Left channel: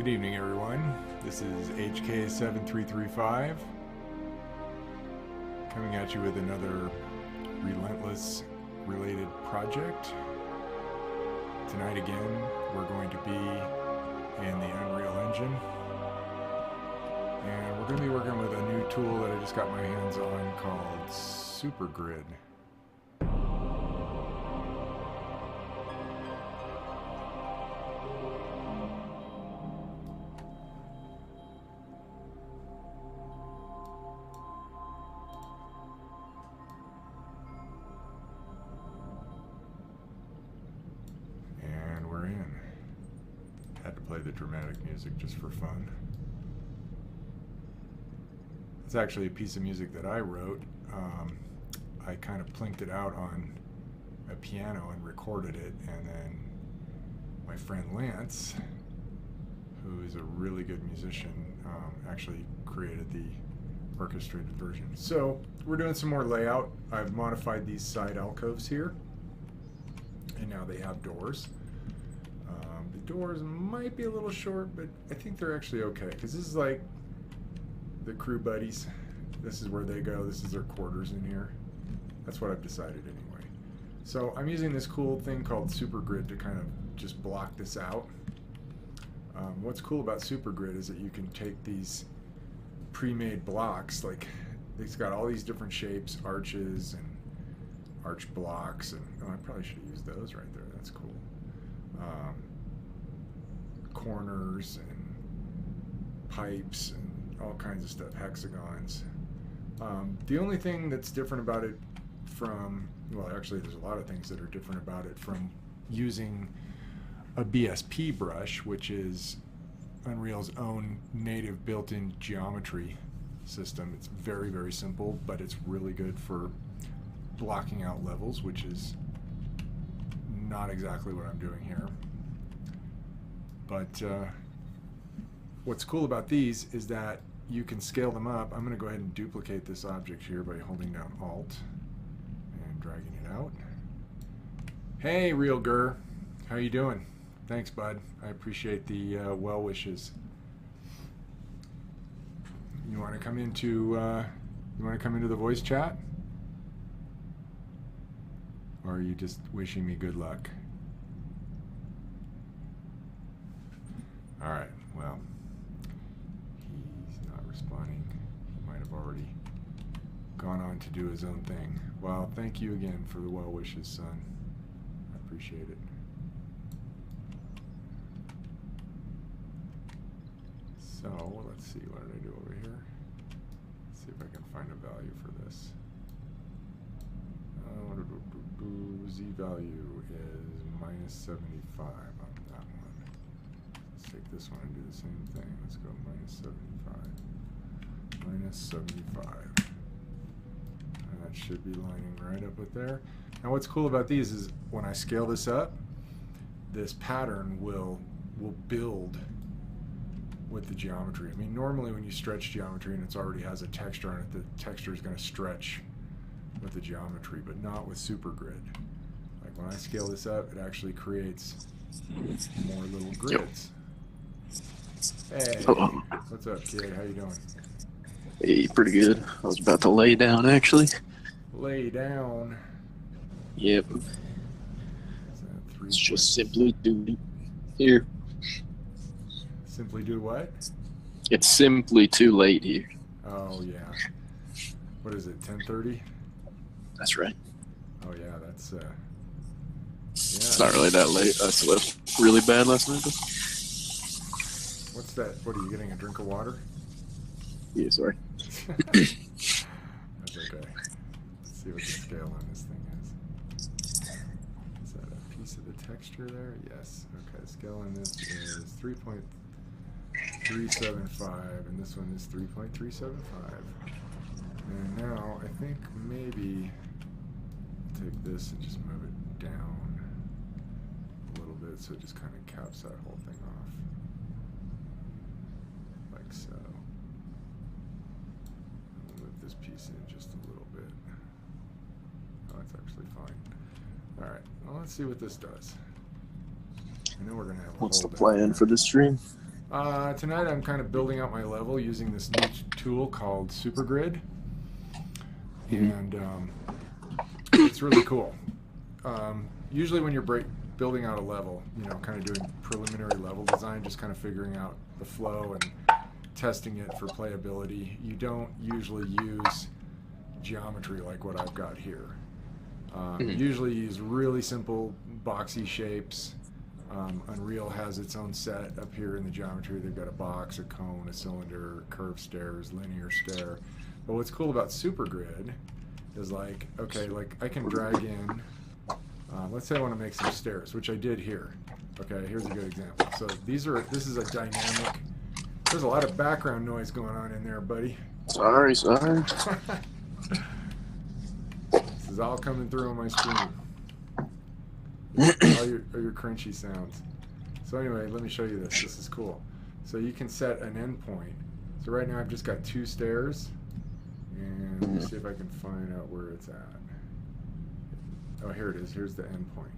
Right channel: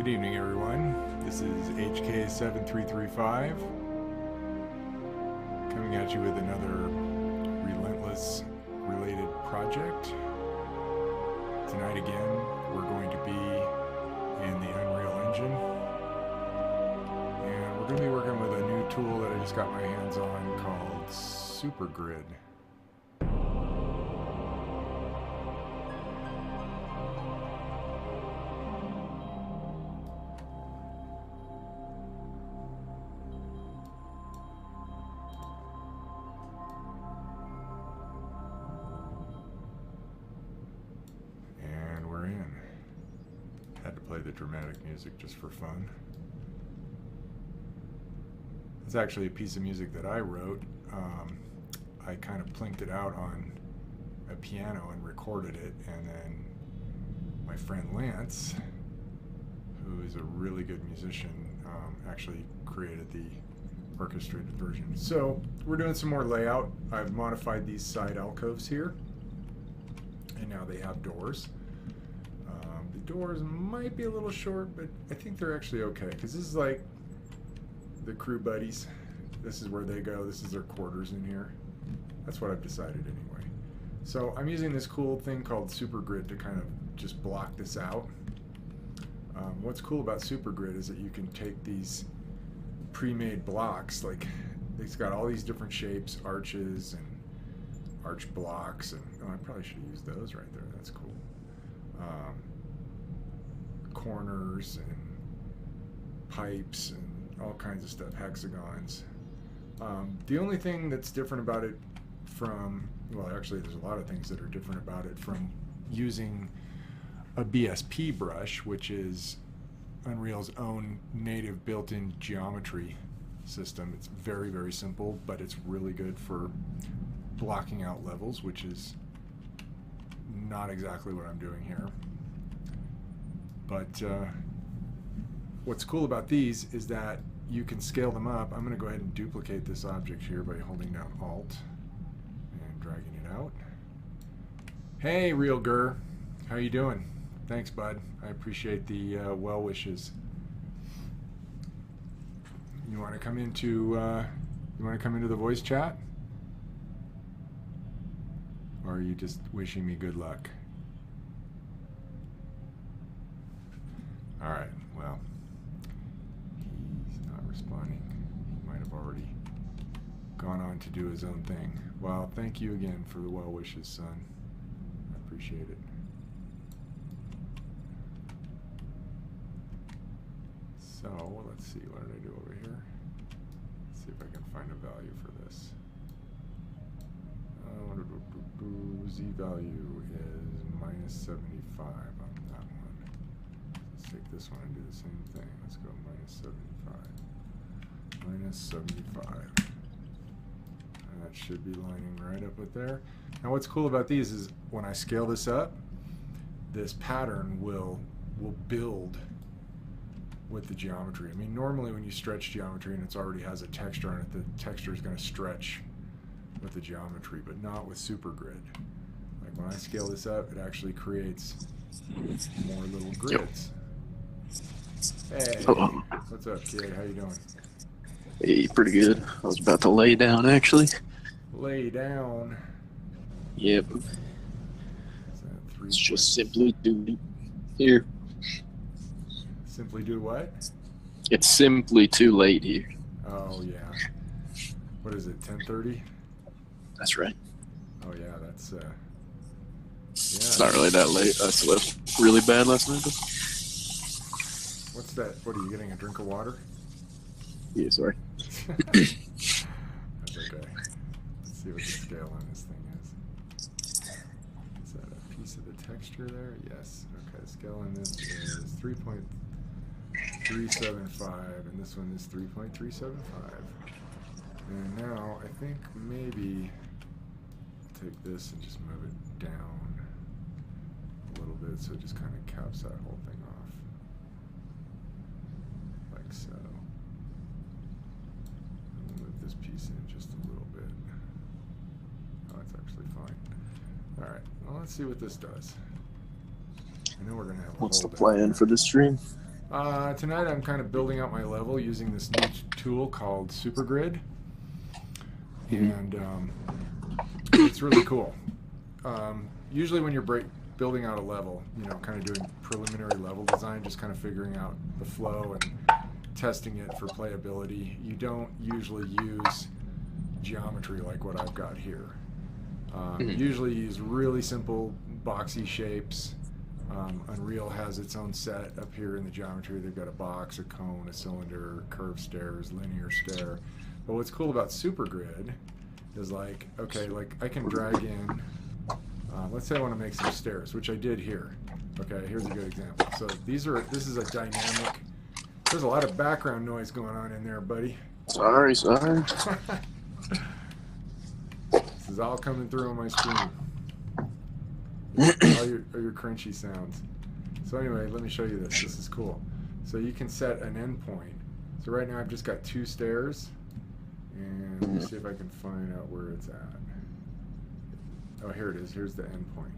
Good evening, everyone. This is HK7335 coming at you with another Relentless related project. Tonight again, we're going to be in the Unreal Engine, and we're going to be working with a new tool that I just got my hands on called SuperGrid. Had to play the dramatic music just for fun. It's actually a piece of music that I wrote. I kind of plinked it out on a piano and recorded it, and then my friend Lance, who is a really good musician, actually created the orchestrated version. So we're doing some more layout. I've modified these side alcoves here, and now they have doors. The doors might be a little short, but I think they're actually okay, because this is like the crew buddies. This is where they go. This is their quarters in here. That's what I've decided anyway. So I'm using this cool thing called SuperGrid to kind of just block this out. What's cool about SuperGrid is that you can take these pre-made blocks, like it's got all these different shapes, arches and arch blocks, and oh, I probably should have used those right there. That's cool. Corners and pipes and all kinds of stuff, hexagons. The only thing that's different about it from, well, actually there's a lot of things that are different about it from using a BSP brush, which is Unreal's own native built-in geometry system. It's very, very simple, but it's really good for blocking out levels, which is not exactly what I'm doing here. But what's cool about these is that you can scale them up. I'm going to go ahead and duplicate this object here by holding down Alt and dragging it out. Hey, Real Gur, how you doing? Thanks, bud. I appreciate the well wishes. You want to come into the voice chat, or are you just wishing me good luck? All right, well, he's not responding. He might have already gone on to do his own thing. Well, thank you again for the well wishes, son. I appreciate it. So, let's see, what did I do over here? Let's see if I can find a value for this. Z value is minus 75 on that one. Let's take this one and do the same thing. Let's go minus 75. Minus 75. And that should be lining right up with there. Now what's cool about these is when I scale this up, this pattern will build with the geometry. I mean, normally when you stretch geometry and it already has a texture on it, the texture is going to stretch with the geometry, but not with SuperGrid. Like when I scale this up, it actually creates more little grids. Hey, what's up, kid? How you doing? Hey, pretty good. I was about to lay down, actually. Lay down? Yep. It's just simply do here. Simply do what? It's simply too late here. Oh, yeah. What is it, 10:30? That's right. Oh, yeah, that's, yeah. It's not really that late. I slept really bad last night, though. What's that? What, are you getting a drink of water? Yeah, sorry. That's okay. Let's see what the scale on this thing is. Is that a piece of the texture there? Yes. Okay, the scale on this is 3.375, and this one is 3.375. And now I think maybe I'll take this and just move it down a little bit so it just kind of caps that whole thing off. Like so. We'll move this piece in just a little bit. Oh, that's actually fine. Alright, well, let's see what this does. I know we're going to have a What's the hole down plan there. for this stream? Tonight I'm kind of building out my level using this new tool called SuperGrid, and it's really cool. Usually when you're building out a level, kind of doing preliminary level design, just kind of figuring out the flow and testing it for playability, you don't usually use geometry like what I've got here. Usually use really simple boxy shapes. Unreal has its own set up here in the geometry. They've got a box, a cone, a cylinder, curved stairs, linear stair. But what's cool about SuperGrid is like I can drag in, let's say I want to make some stairs, which I did here. Okay, here's a good example. So this is a dynamic, there's a lot of background noise going on in there, buddy. Sorry. This is all coming through on my screen. all your crunchy sounds. So anyway, let me show you this. This is cool. So you can set an endpoint. So right now I've just got 2 stairs, and let me see if I can find out where it's at. Oh, here it is. Here's the endpoint.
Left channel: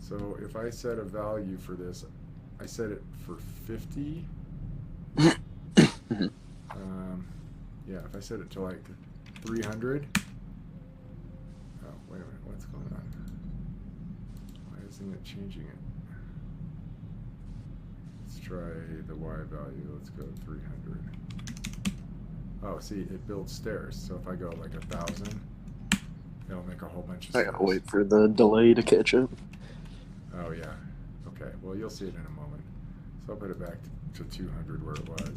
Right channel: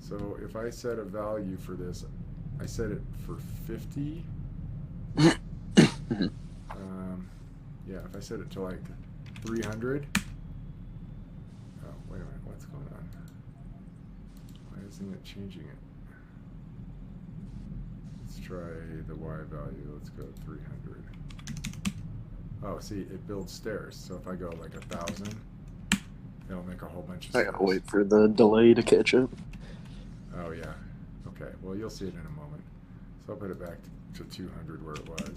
So if I set a value for this, I set it for 50. Yeah, if I set it to like 300. Oh, wait a minute. What's going on? Why isn't it changing it? Let's try the Y value. Let's go 300. Oh, see, it builds stairs. So if I go like 1,000, it'll make a whole bunch of stairs. I gotta wait for the delay to catch up. Oh, yeah. Okay, well, you'll see it in a moment. So I'll put it back to 200 where it was,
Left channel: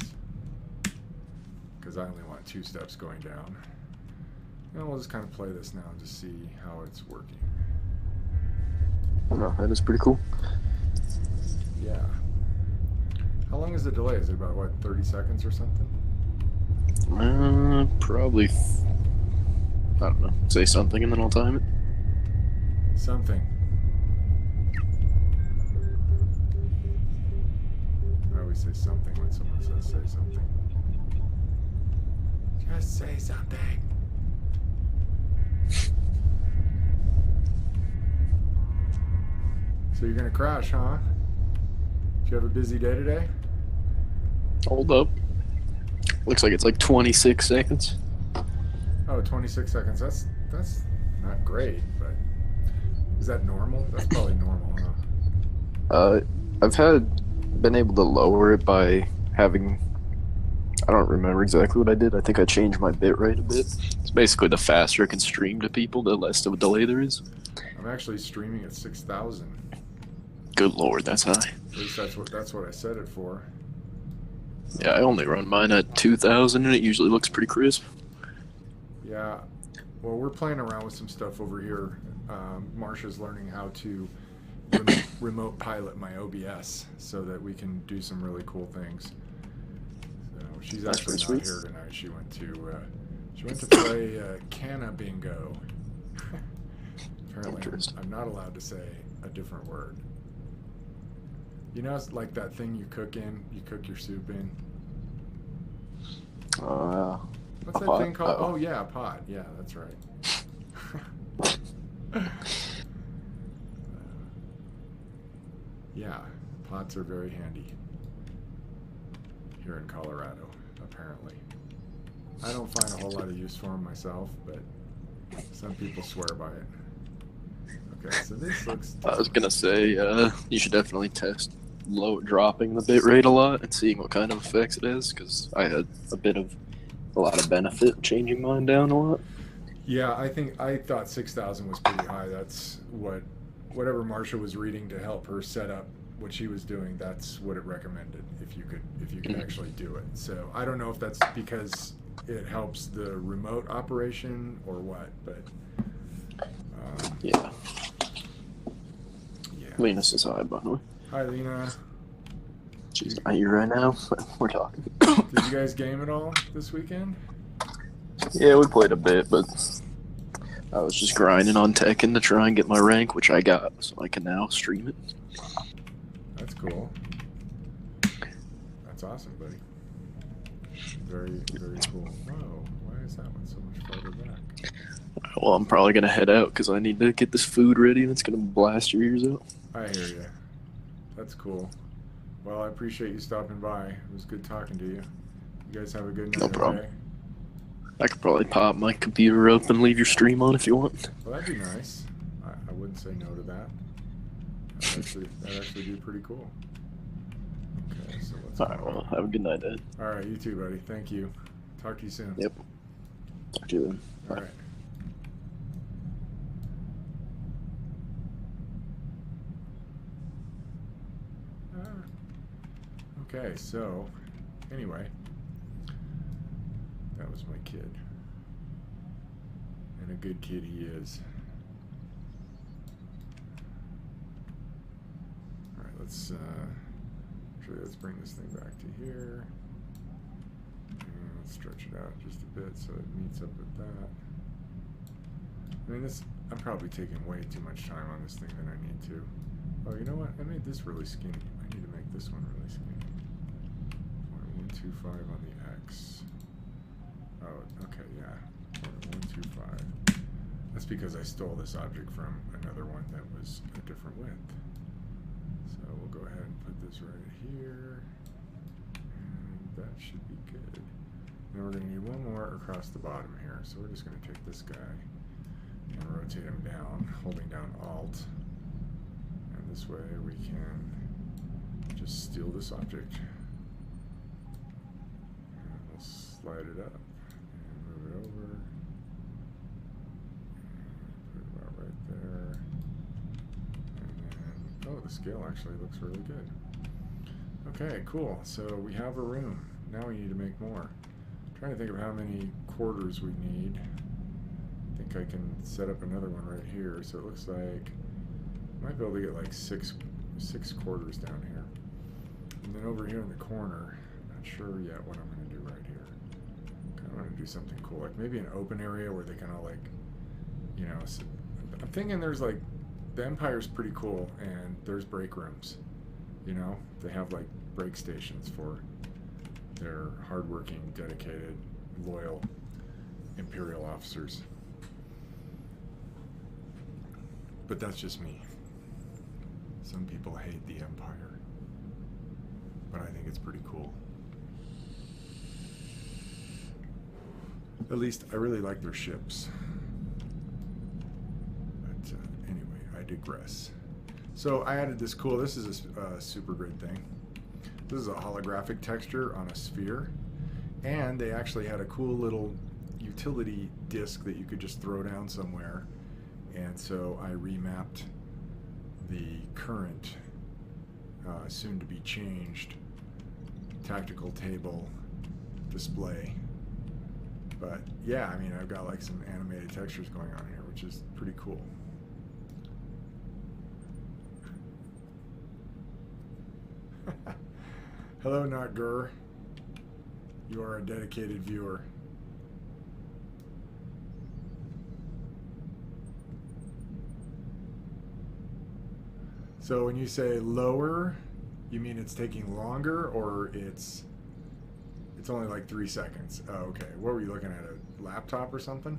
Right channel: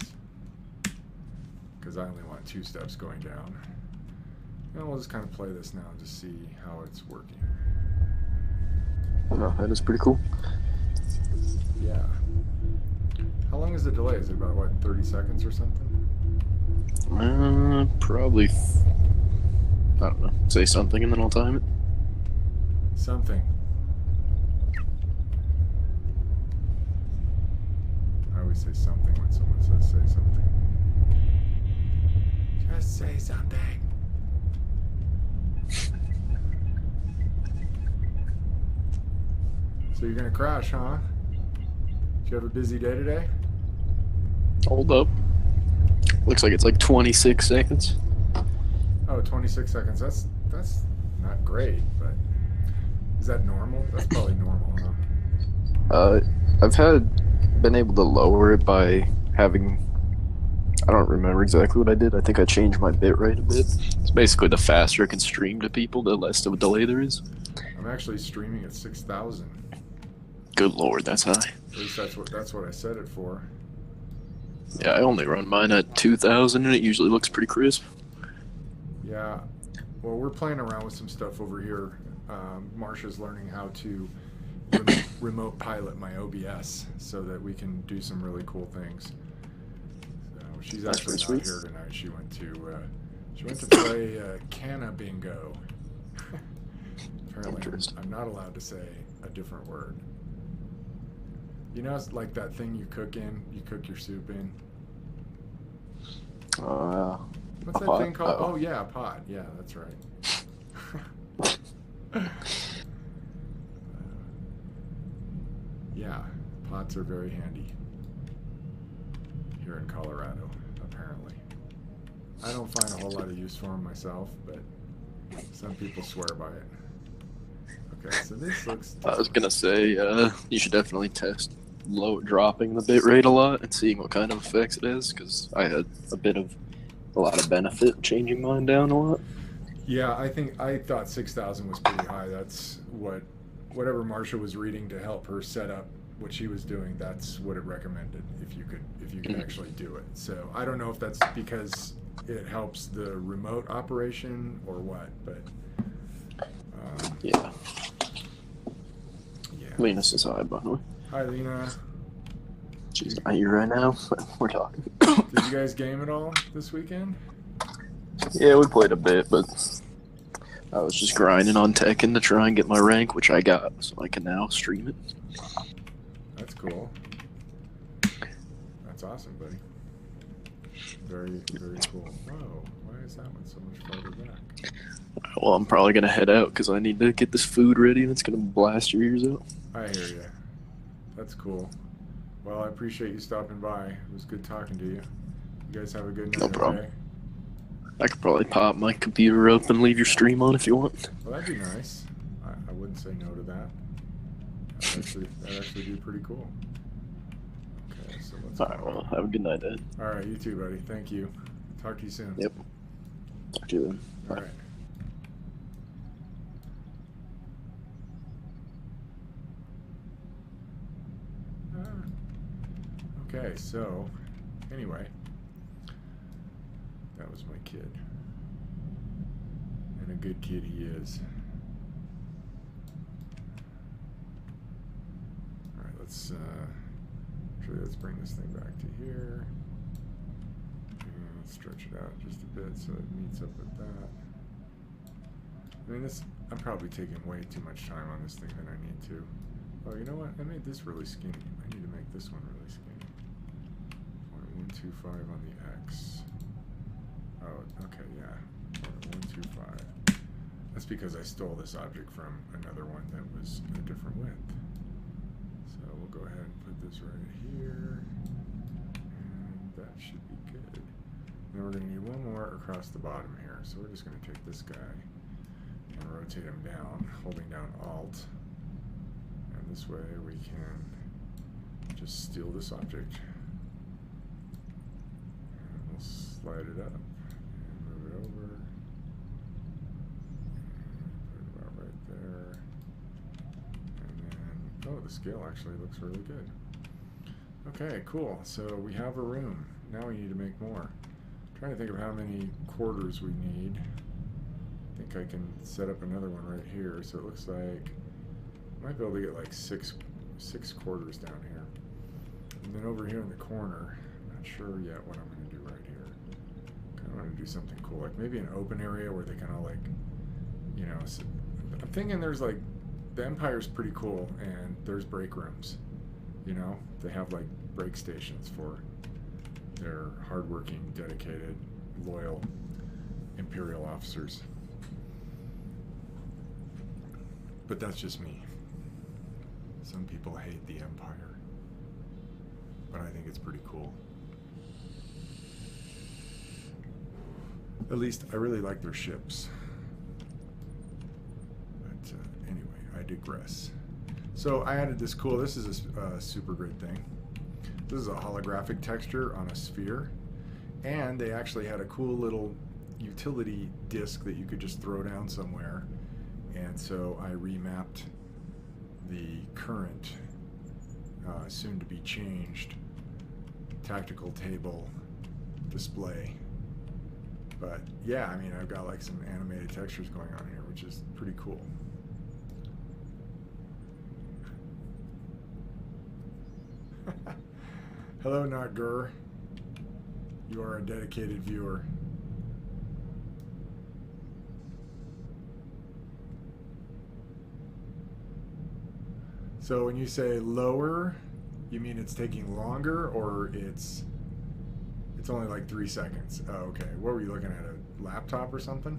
because I only want 2 steps going down. And we'll just kind of play this now and just see how it's working. No, that is pretty cool. Yeah. How long is the delay? Is it about, what, 30 seconds or something? Probably, I don't know, say something and then I'll time it. Something. I always say something when someone says say something. Just say something. So you're gonna crash, huh? Did you have a busy day today? Hold up. Looks like it's like 26 seconds. Oh, 26 seconds. That's not great, but is that normal? That's probably normal, huh? I've been able to lower it by having, I don't remember exactly what I did. I think I changed my bitrate a bit. It's basically the faster it can stream to people, the less of a delay there is. I'm actually streaming at 6,000. Good lord, that's high. At least that's what I set it for. Yeah, I only run mine at 2,000 and it usually looks pretty crisp. Yeah, well, we're playing around with some stuff over here. Marsha's learning how to remote pilot my OBS so that we can do some really cool things. So she's actually not here tonight. She went to play Canna Bingo. Apparently, I'm not allowed to say a different word. You know, it's like that thing you cook your soup in. What's that pot? thing called? Oh, yeah, a pot. Yeah, that's right. Yeah, pots are very handy here in Colorado, apparently. I don't find a whole lot of use for them myself, but some people swear by it. Okay, so this looks... I was gonna say, you should definitely test dropping the bitrate a lot and seeing what kind of effects it has, because I had a lot of benefit changing mine down a lot. Yeah, I thought 6,000 was pretty high. That's whatever Marsha was reading to help her set up what she was doing. That's what it recommended if you could actually do it. So I don't know if that's because it helps the remote operation or what, but yeah. Yeah. Linus is high, by the way. Hi, Lena. She's not here right now, but we're talking. Did you guys game at all this weekend? Yeah, we played a bit, but I was just grinding on Tekken to try and get my rank, which I got, so I can now stream it. That's cool. That's awesome, buddy. Very, very cool. Whoa, why is that one so much farther back? Well, I'm probably going to head out because I need to get this food ready and it's going to blast your ears out. I hear you. That's cool. Well, I appreciate you stopping by. It was good talking to you. You guys have a good night, No problem. okay? I could probably pop my computer up and leave your stream on if you want. Well, that'd be nice. I wouldn't say no to that. That'd actually be pretty cool. Okay, so let's Alright, well, have a good night, Ed. All right, you too, buddy. Thank you. Talk to you soon. Yep. Talk to you then. All right. Okay, so anyway, that was my kid. And a good kid he is. Alright, let's bring this thing back to here. And let's stretch it out just a bit so it meets up with that. I mean, I'm probably taking way too much time on this thing than I need to. Oh, you know what? I made this really skinny. I need to make this one really skinny. 0.125 on the X. Oh, okay, yeah. 0.125. That's because I stole this object from another one that was a different width. So we'll go ahead and put this right here. And that should be good. Then we're going to need one more across the bottom here. So we're just going to take this guy and rotate him down, holding down Alt. And this way we can just steal this object. And we'll slide it up and move it over. And put it about right there. And then, oh, the scale actually looks really good. Okay, cool. So we have a room. Now we need to make more. I'm trying to think of how many quarters we need. I think I can set up another one right here. So it looks like I might be able to get like six quarters down here. And then over here in the corner, I'm not sure yet what I'm going to do right here. I kind of want to do something cool, like maybe an open area where they kind of like, you know, so I'm thinking there's like, the Empire's pretty cool, and there's break rooms. You know, they have like break stations for their hardworking, dedicated, loyal Imperial officers. But that's just me. Some people hate the Empire, but I think it's pretty cool. At least I really like their ships. But anyway, I digress. So I added this cool, this is a SuperGrid thing. This is a holographic texture on a sphere. And they actually had a cool little utility disk that you could just throw down somewhere. And so I remapped the current, soon to be changed, tactical table display. But yeah, I mean, I've got like some animated textures going on here, which is pretty cool. Hello, Not Gur. You are a dedicated viewer. So when you say lower, you mean it's taking longer, or it's only like 3 seconds? Oh, okay. What were you looking at? A laptop or something?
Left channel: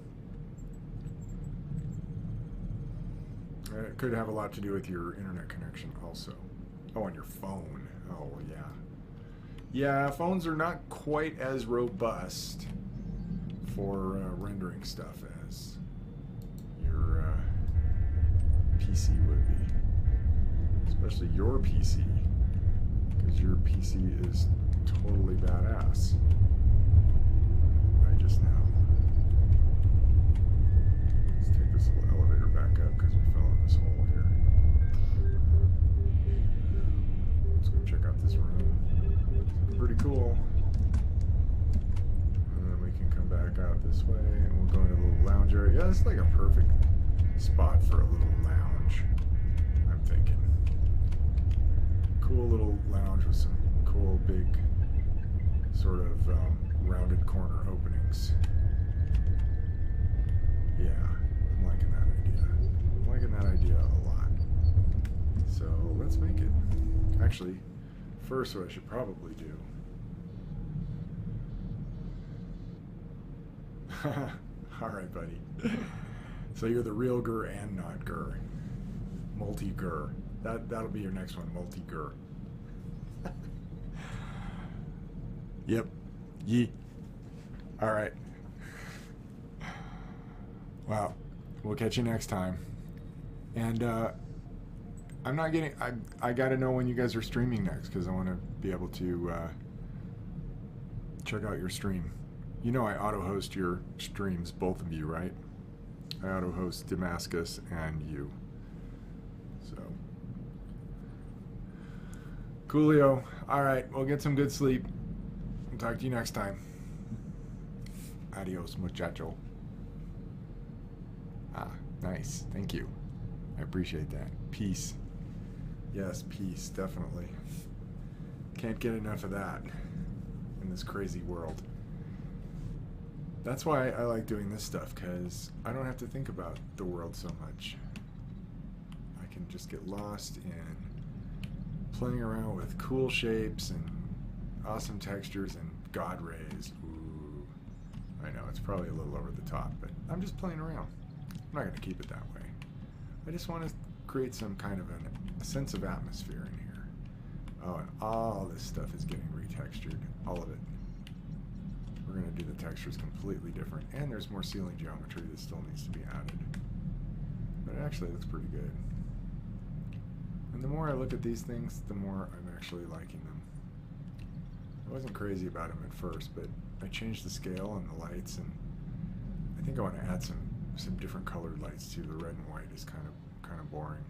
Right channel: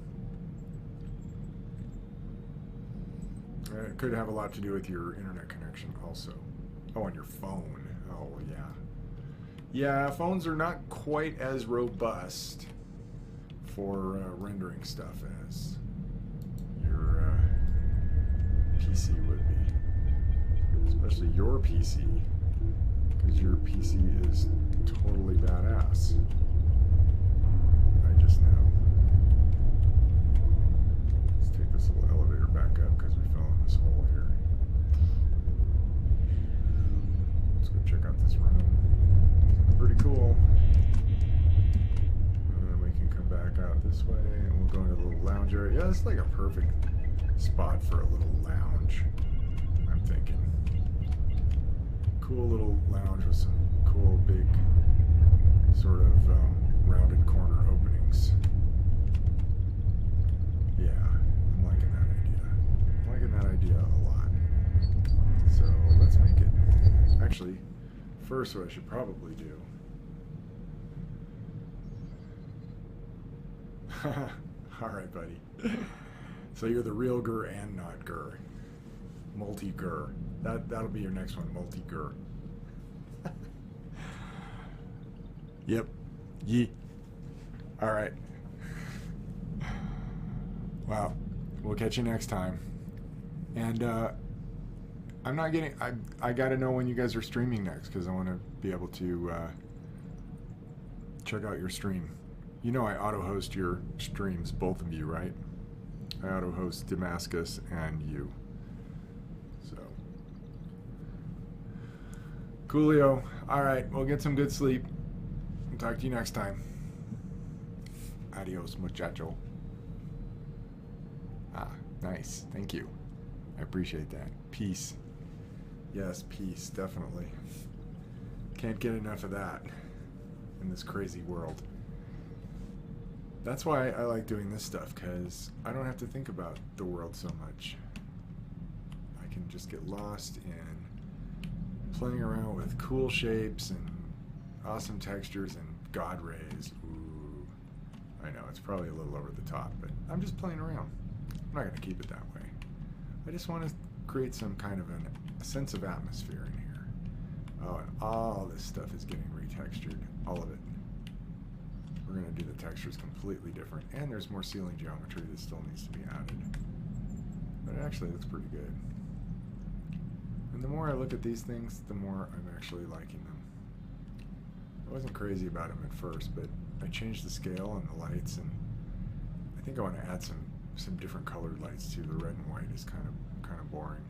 It could have a lot to do with your internet connection also. Oh, on your phone. Oh, well, yeah. Yeah, phones are not quite as robust for rendering stuff as your PC would be. Especially your PC, because your PC is totally badass. I just know. Let's take this little elevator back up because we fell in this hole here. Let's go check out this room. It's pretty cool. And then we can come back out this way and we'll go into the little lounge area. Yeah, this is like a perfect spot for a little lounge, I'm thinking. Cool little lounge with some cool big sort of rounded corner openings. Yeah, I'm liking that idea. I'm liking that idea a lot. So let's make it. Actually, first what I should probably do. Alright, buddy. So you're the real Gur and not Gur. Multi-Gur. That'll be your next one, multi-Gur. Yep. Yee. All right. Well, we'll catch you next time. And I'm not getting. I got to know when you guys are streaming next because I want to be able to check out your stream. You know I auto-host your streams, both of you, right? I auto-host Damascus and you. So, coolio. All right, we'll get some good sleep. I'll talk to you next time. Adios, muchacho. Ah, nice. Thank you. I appreciate that. Peace. Yes, peace, definitely. Can't get enough of that in this crazy world. That's why I like doing this stuff, because I don't have to think about the world so much. I can just get lost in playing around with cool shapes and awesome textures and God rays. Ooh. I know, it's probably a little over the top, but I'm just playing around. I'm not going to keep it that way. I just want to create some kind of a sense of atmosphere in here. Oh, and all this stuff is getting retextured. All of it. We're going to do the textures completely different. And there's more ceiling geometry that still needs to be added. But it actually looks pretty good. And the more I look at these things, the more I'm actually liking them. I wasn't crazy about them at first, but I changed the scale and the lights, and I think I want to add some different colored lights too. The red and white is kind of boring.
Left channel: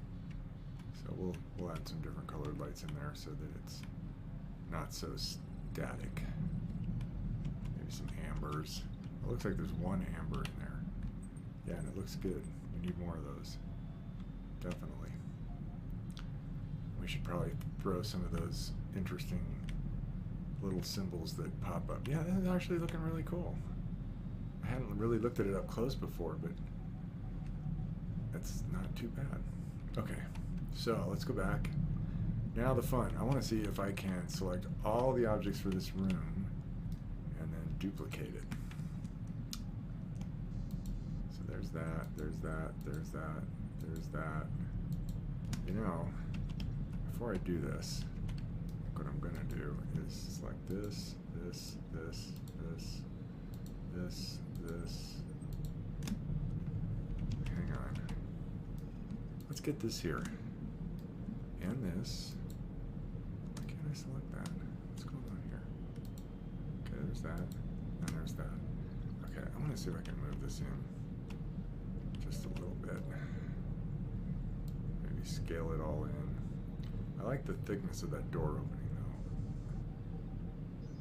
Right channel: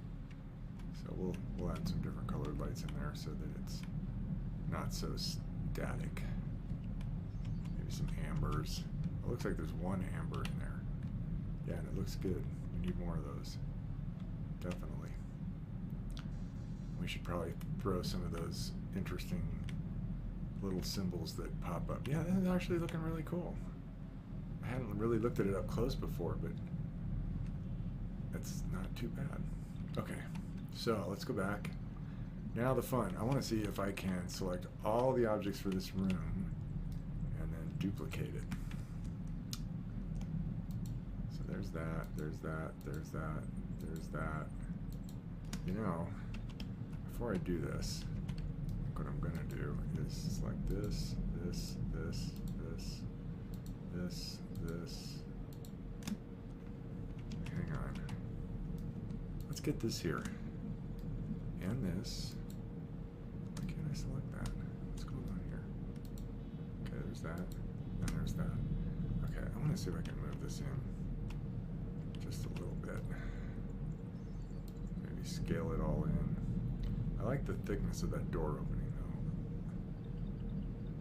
So we'll add some different colored lights in there so that it's not so static. Maybe some ambers. It looks like there's one amber in there. Yeah, and it looks good. We need more of those. Definitely. We should probably throw some of those interesting little symbols that pop up. Yeah, this is actually looking really cool. I hadn't really looked at it up close before, but that's not too bad. Okay, so let's go back. Now the fun. I want to see if I can select all the objects for this room and then duplicate it. So there's that, there's that, there's that, there's that. You know, before I do this, what I'm going to do is select this, this, this, this, this, this. Hang on. Let's get this here. And this. Why can't I select that? What's going on here? Okay, there's that. And there's that. Okay, I want to see if I can move this in just a little bit. Maybe scale it all in. I like the thickness of that door opening though.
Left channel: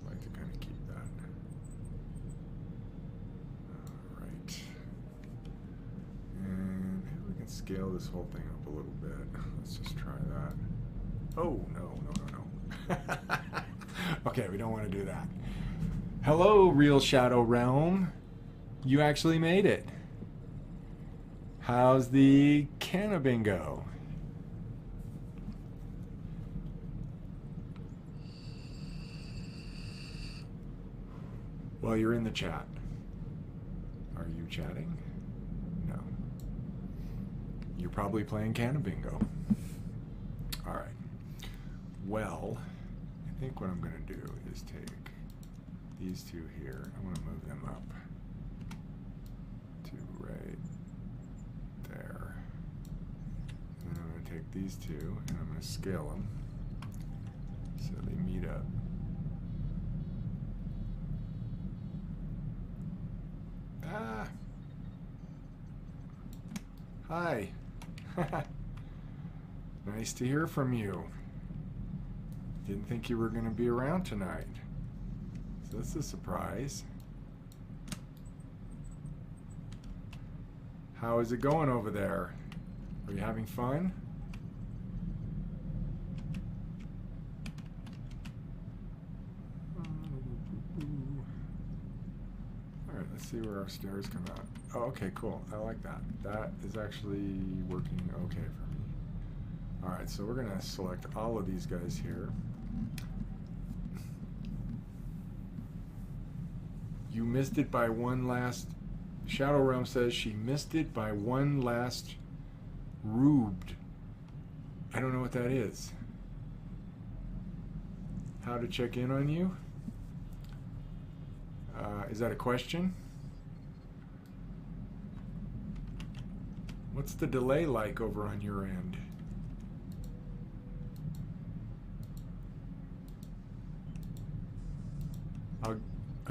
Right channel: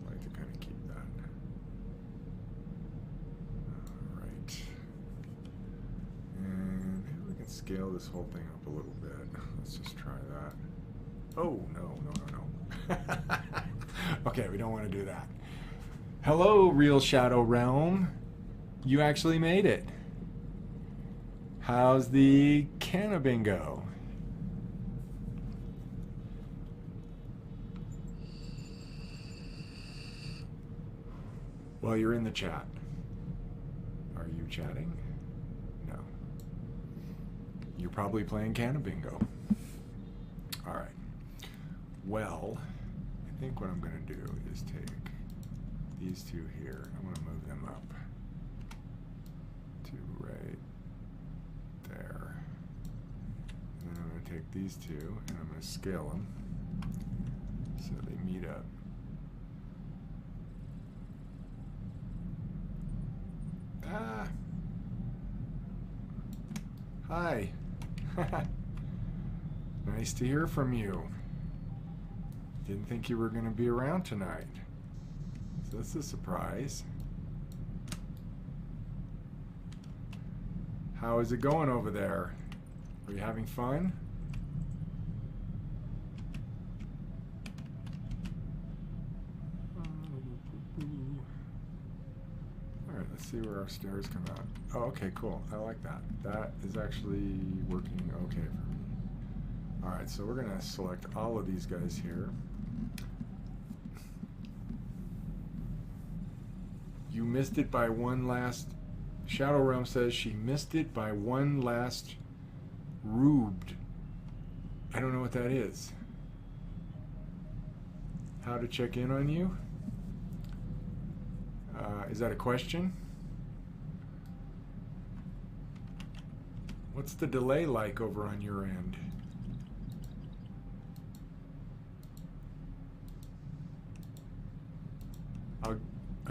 I like to kind of keep that. Alright. And maybe we can scale this whole thing up a little bit. Let's just try that. Oh, no. Okay, we don't want to do that. Hello, Real Shadow Realm. You actually made it. How's the Cannabingo? Well, you're in the chat. Are you chatting? No. You're probably playing Cannabingo. All right. Well, I think what I'm going to do is take these two here. I'm going to move them up to right there. And then I'm going to take these two and I'm going to scale them so they meet up. Ah! Hi. Nice to hear from you. Didn't think you were going to be around tonight. So that's a surprise. How is it going over there? Are you having fun? Alright, let's see where our stairs come out. Oh, okay, cool. I like that. That is actually working okay for me. Alright, so we're going to select all of these guys here. You missed it by one last... Shadow Realm says she missed it by one last rubed. I don't know what that is. How to check in on you? Is that a question? What's the delay like over on your end? I'll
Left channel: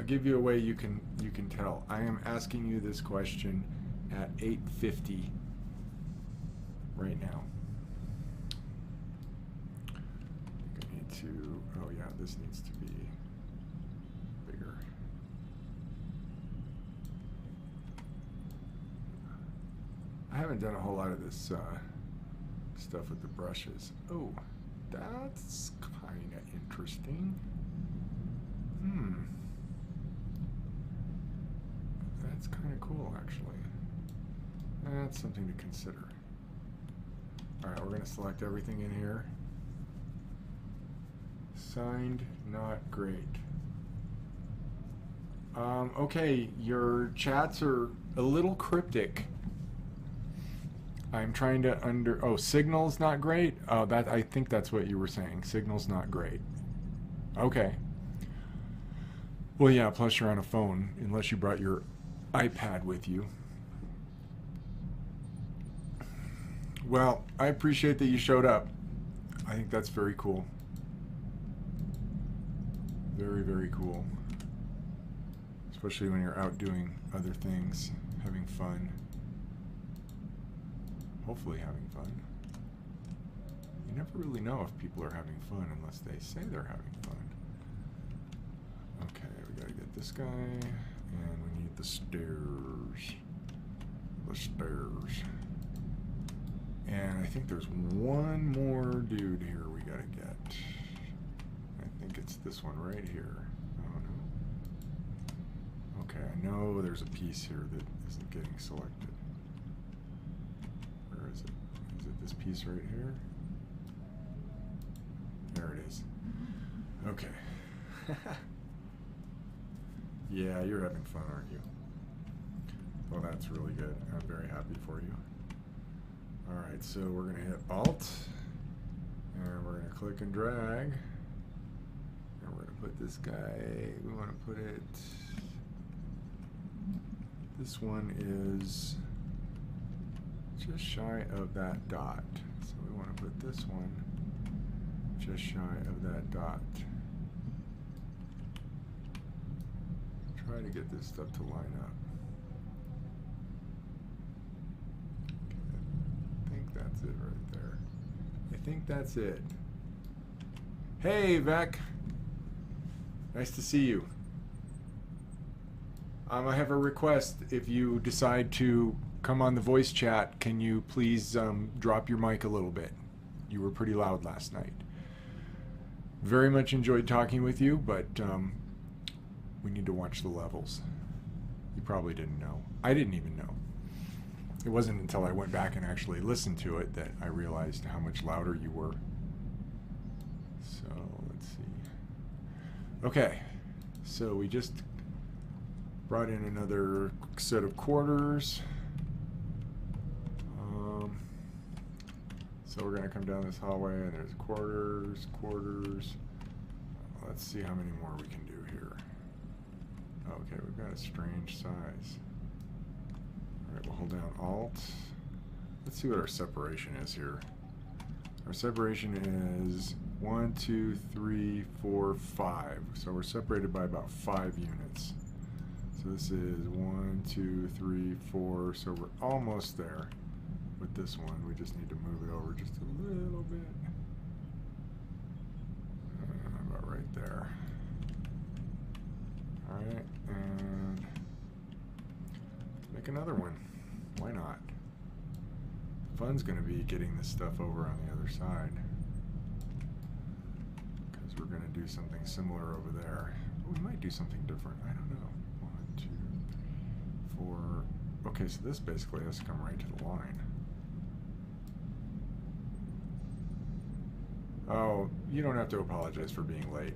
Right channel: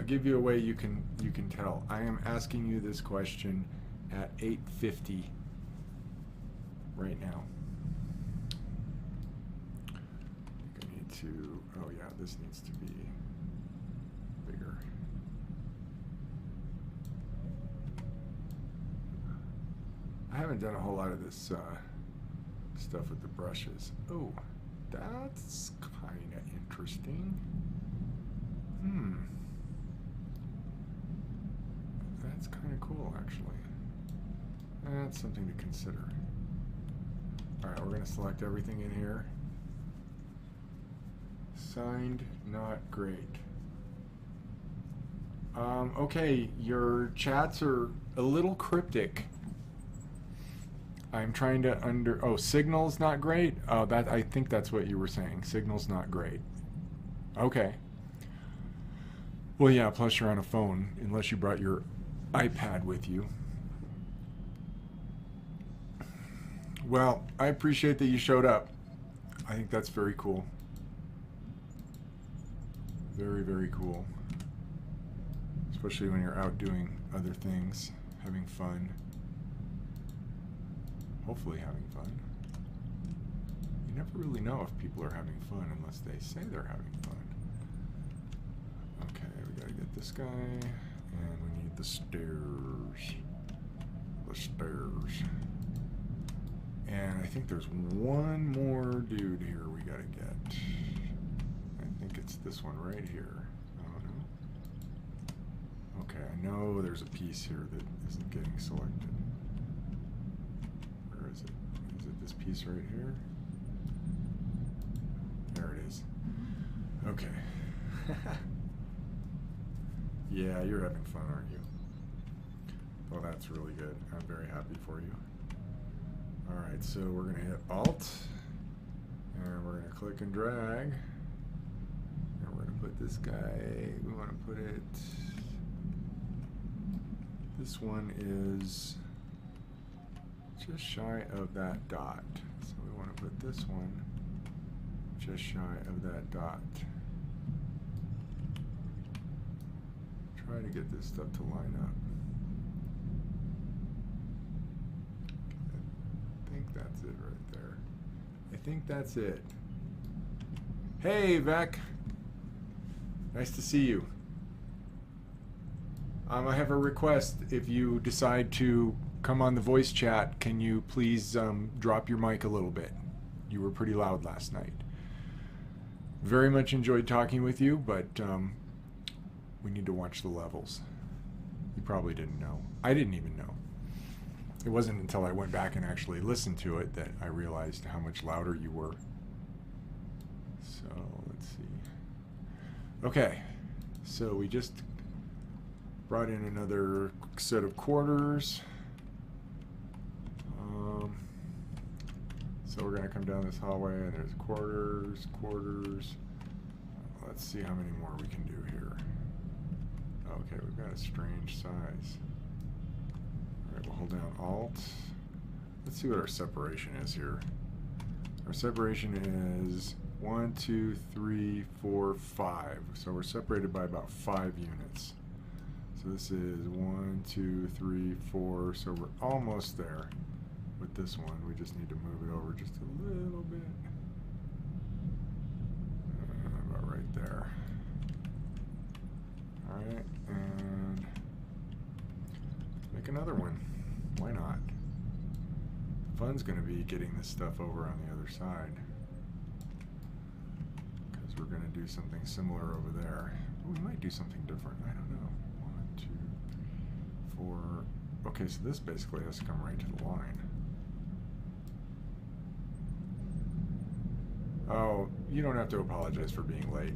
give you a way you can tell. I am asking you this question at 8:50 right now. I think I need to. Oh yeah, this needs to be bigger. I haven't done a whole lot of this stuff with the brushes. Oh, that's kind of interesting. That's kind of cool, actually. That's something to consider. All right, we're going to select everything in here. Signed, not great. Okay, your chats are a little cryptic. I'm trying to oh, signal's not great? Oh, I think that's what you were saying. Signal's not great. Okay. Well, yeah, plus you're on a phone, unless you brought your iPad with you. Well, I appreciate that you showed up. I think that's very cool. Very, very cool. Especially when you're out doing other things, having fun. Hopefully having fun. You never really know if people are having fun unless they say they're having fun. Okay, we gotta get this guy, and we need the stairs. The stairs. And I think there's one more dude here we gotta get. I think it's this one right here. Oh no. Okay, I know there's a piece here that isn't getting selected. Where is it? Is it this piece right here? There it is. Okay. Yeah, you're having fun, aren't you? Well, that's really good. I'm very happy for you. All right, so we're going to hit Alt, and we're going to click and drag, and we're going to put this guy, we want to put it, this one is just shy of that dot. So we want to put this one just shy of that dot. Try to get this stuff to line up. I think that's it right there. I think that's it. Hey, Vec. Nice to see you. I have a request. If you decide to come on the voice chat, can you please drop your mic a little bit? You were pretty loud last night. Very much enjoyed talking with you, but we need to watch the levels. You probably didn't know. I didn't even know. It wasn't until I went back and actually listened to it that I realized how much louder you were. So let's see. Okay, so we just brought in another set of quarters. So we're going to come down this hallway, and there's quarters, quarters. Let's see how many more we can do here. Okay, we've got a strange size. All right, we'll hold down Alt. Let's see what our separation is here. Our separation is 1, 2, 3, 4, 5. So we're separated by about 5 units. So this is 1, 2, 3, 4. So we're almost there with this one. We just need to move it over just a little bit. About right there. All right, and make another one. Why not? The fun's going to be getting this stuff over on the other side, because we're going to do something similar over there. We might do something different. I don't know. 1, 2, 4. Okay, so this basically has to come right to the line. Oh, you don't have to apologize for being late.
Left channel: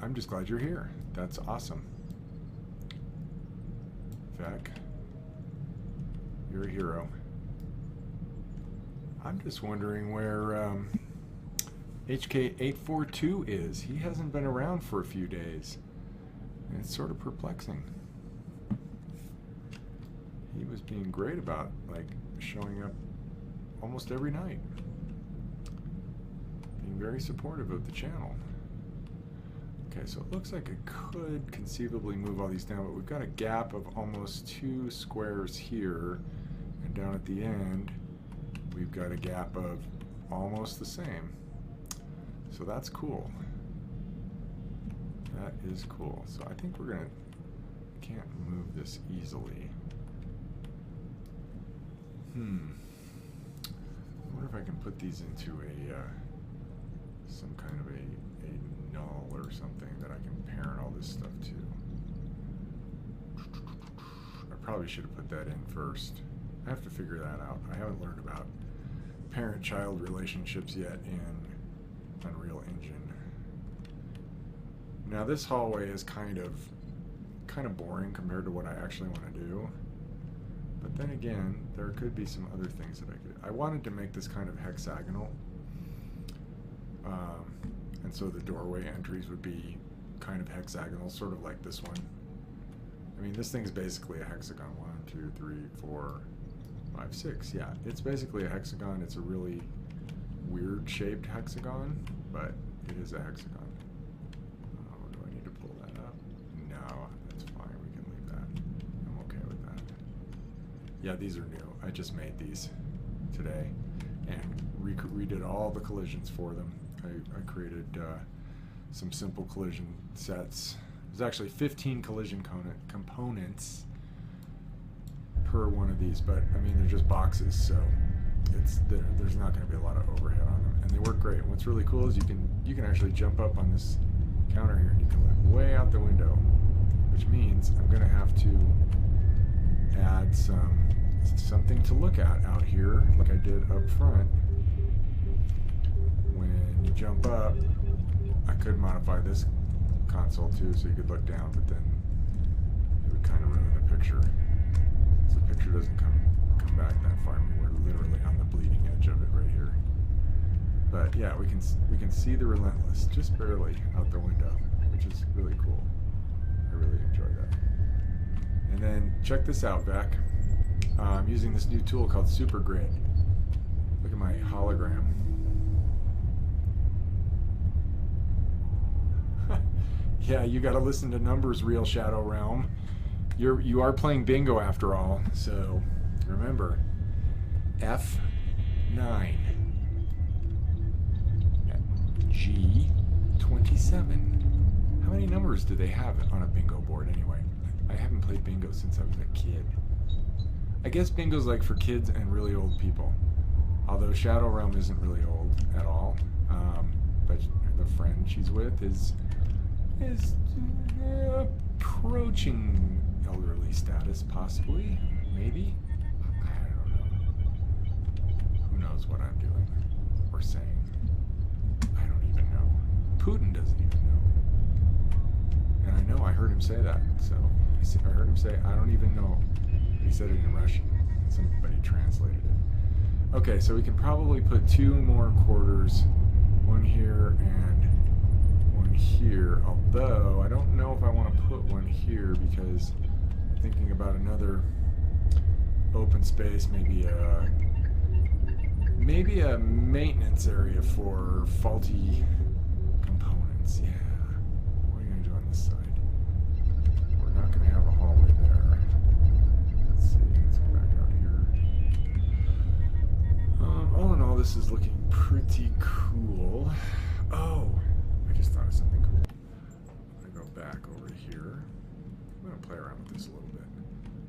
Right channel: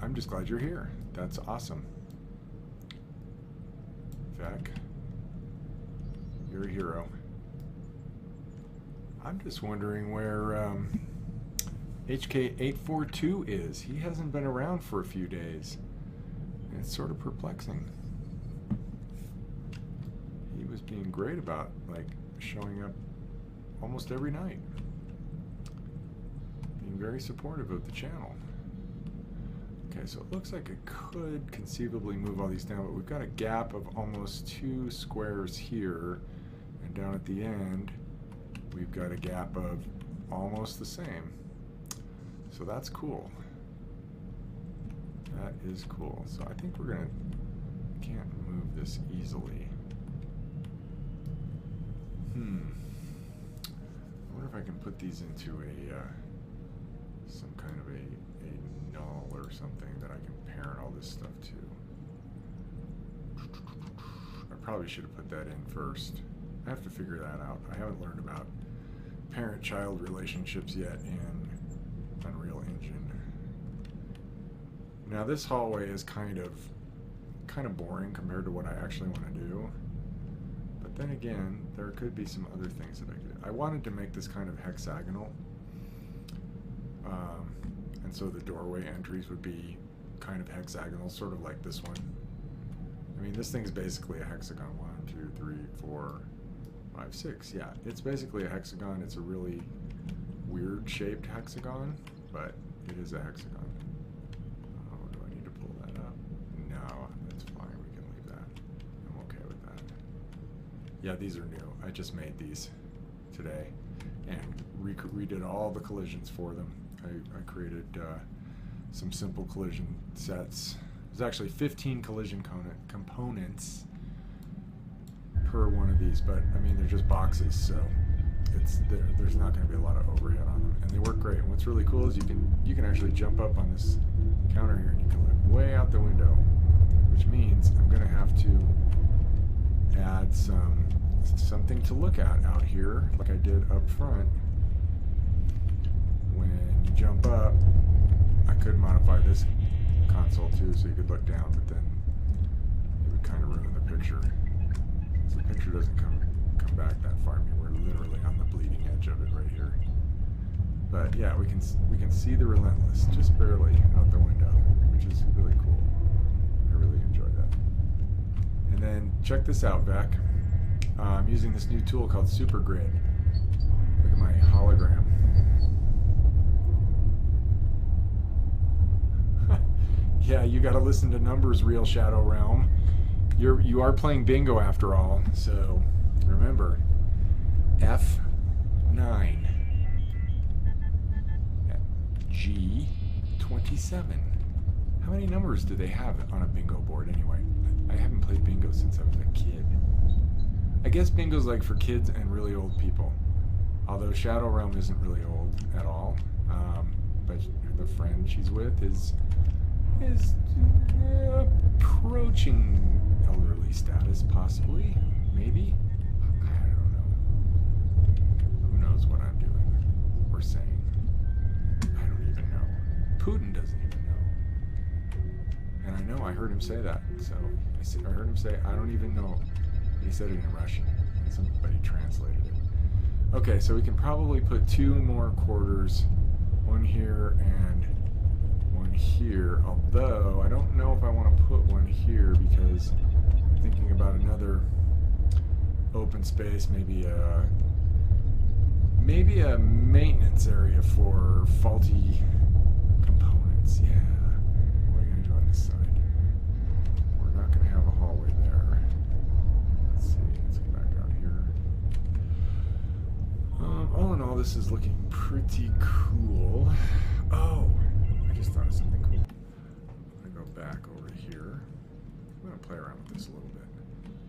I'm just glad you're here. That's awesome. Vec, you're a hero. I'm just wondering where HK842 is. He hasn't been around for a few days. And it's sort of perplexing. He was being great about, like, showing up almost every night. Being very supportive of the channel. Okay, so it looks like I could conceivably move all these down, but we've got a gap of almost 2 squares here, and down at the end, we've got a gap of almost the same. So that's cool. That is cool. So I think we're gonna, can't move this easily. I wonder if I can put these into a some kind of a null or something that I can parent all this stuff to. I probably should have put that in first. I have to figure that out. I haven't learned about parent-child relationships yet in UnrealEngine. Now this hallway is kind of boring compared to what I actually want to do. But then again, there could be some other things that I could. I wanted to make this kind of hexagonal. And so the doorway entries would be kind of hexagonal, sort of like this one. I mean, this thing's basically a hexagon. 1, 2, 3, 4, 5, 6. Yeah, it's basically a hexagon. It's a really weird shaped hexagon, but it is a hexagon. Oh, do I need to pull that up? No, that's fine. We can leave that. I'm okay with that. Yeah, these are new. I just made these today and redid all the collisions for them. I created some simple collision sets. There's actually 15 collision components per one of these, but I mean they're just boxes, so there's not going to be a lot of overhead on them, and they work great. And what's really cool is you can actually jump up on this counter here, and you can look way out the window, which means I'm going to have to add something to look at out here, like I did up front. When you jump up, I could modify this console too, so you could look down, but then it would kind of ruin the picture. So the picture doesn't come back that far. I mean, we're literally on the bleeding edge of it right here. But yeah, we can see the Relentless just barely out the window, which is really cool. I really enjoy that. And then check this out, Beck. I'm using this new tool called SuperGrid. Look at my hologram. Yeah, you got to listen to numbers, Real Shadow Realm. You are playing bingo after all, so remember, F9, G27. How many numbers do they have on a bingo board anyway? I haven't played bingo since I was a kid. I guess bingo's like for kids and really old people, although Shadow Realm isn't really old at all. But the friend she's with is approaching elderly status, possibly, maybe. I don't know. Who knows what I'm doing or saying? I don't even know. Putin doesn't even know. And I know I heard him say that. So I heard him say, I don't even know. But he said it in Russian. Somebody translated it. Okay, so we can probably put 2 more quarters, one here and one here, although I don't know if I want to put one here because I'm thinking about another open space, maybe a maintenance area for faulty components. Yeah. What are you going to do on this side? We're not going to have a hallway there. Let's see. Let's go back out here. All in all, this is looking pretty cool. Oh, I just thought of something cool. I'm going to go back over here. I'm going to play around with this a little bit.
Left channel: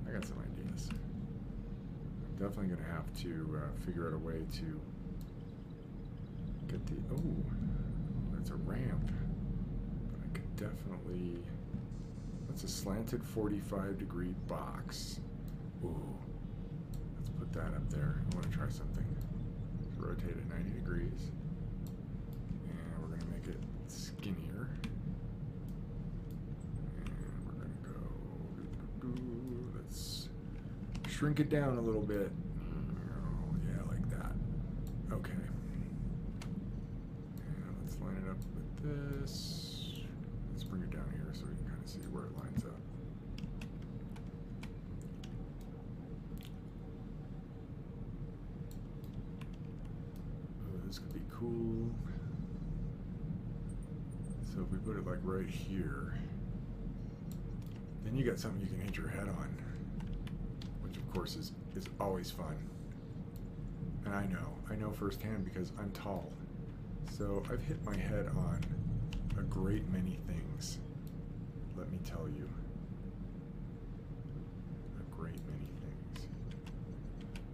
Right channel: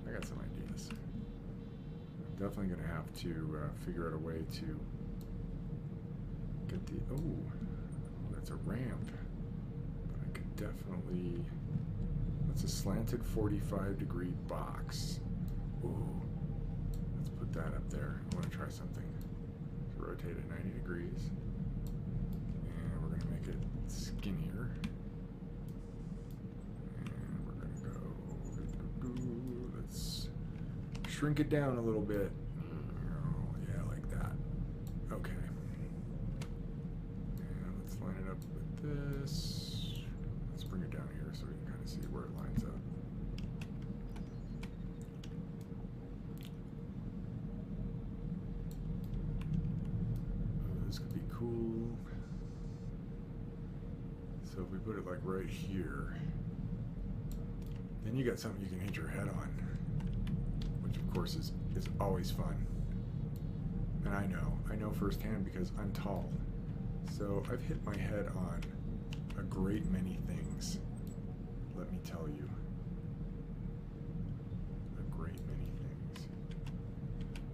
I got some ideas. I'm definitely going to have to figure out a way to get the... Oh, that's a ramp. But I could definitely... That's a slanted 45-degree box. Ooh. Let's put that up there. I want to try something. Let's rotate it 90 degrees. And we're going to make it skinnier. And we're going to go... Let's shrink it down a little bit. Yeah, like that. Okay. And let's line it up with this. Let's bring it down here so we can kind of see where it lines up. Oh, this could be cool. So if we put it like right here, then you got something you can hit your head on, which of course is always fun. And I know firsthand because I'm tall. So I've hit my head on a great many things, let me tell you. A great many things.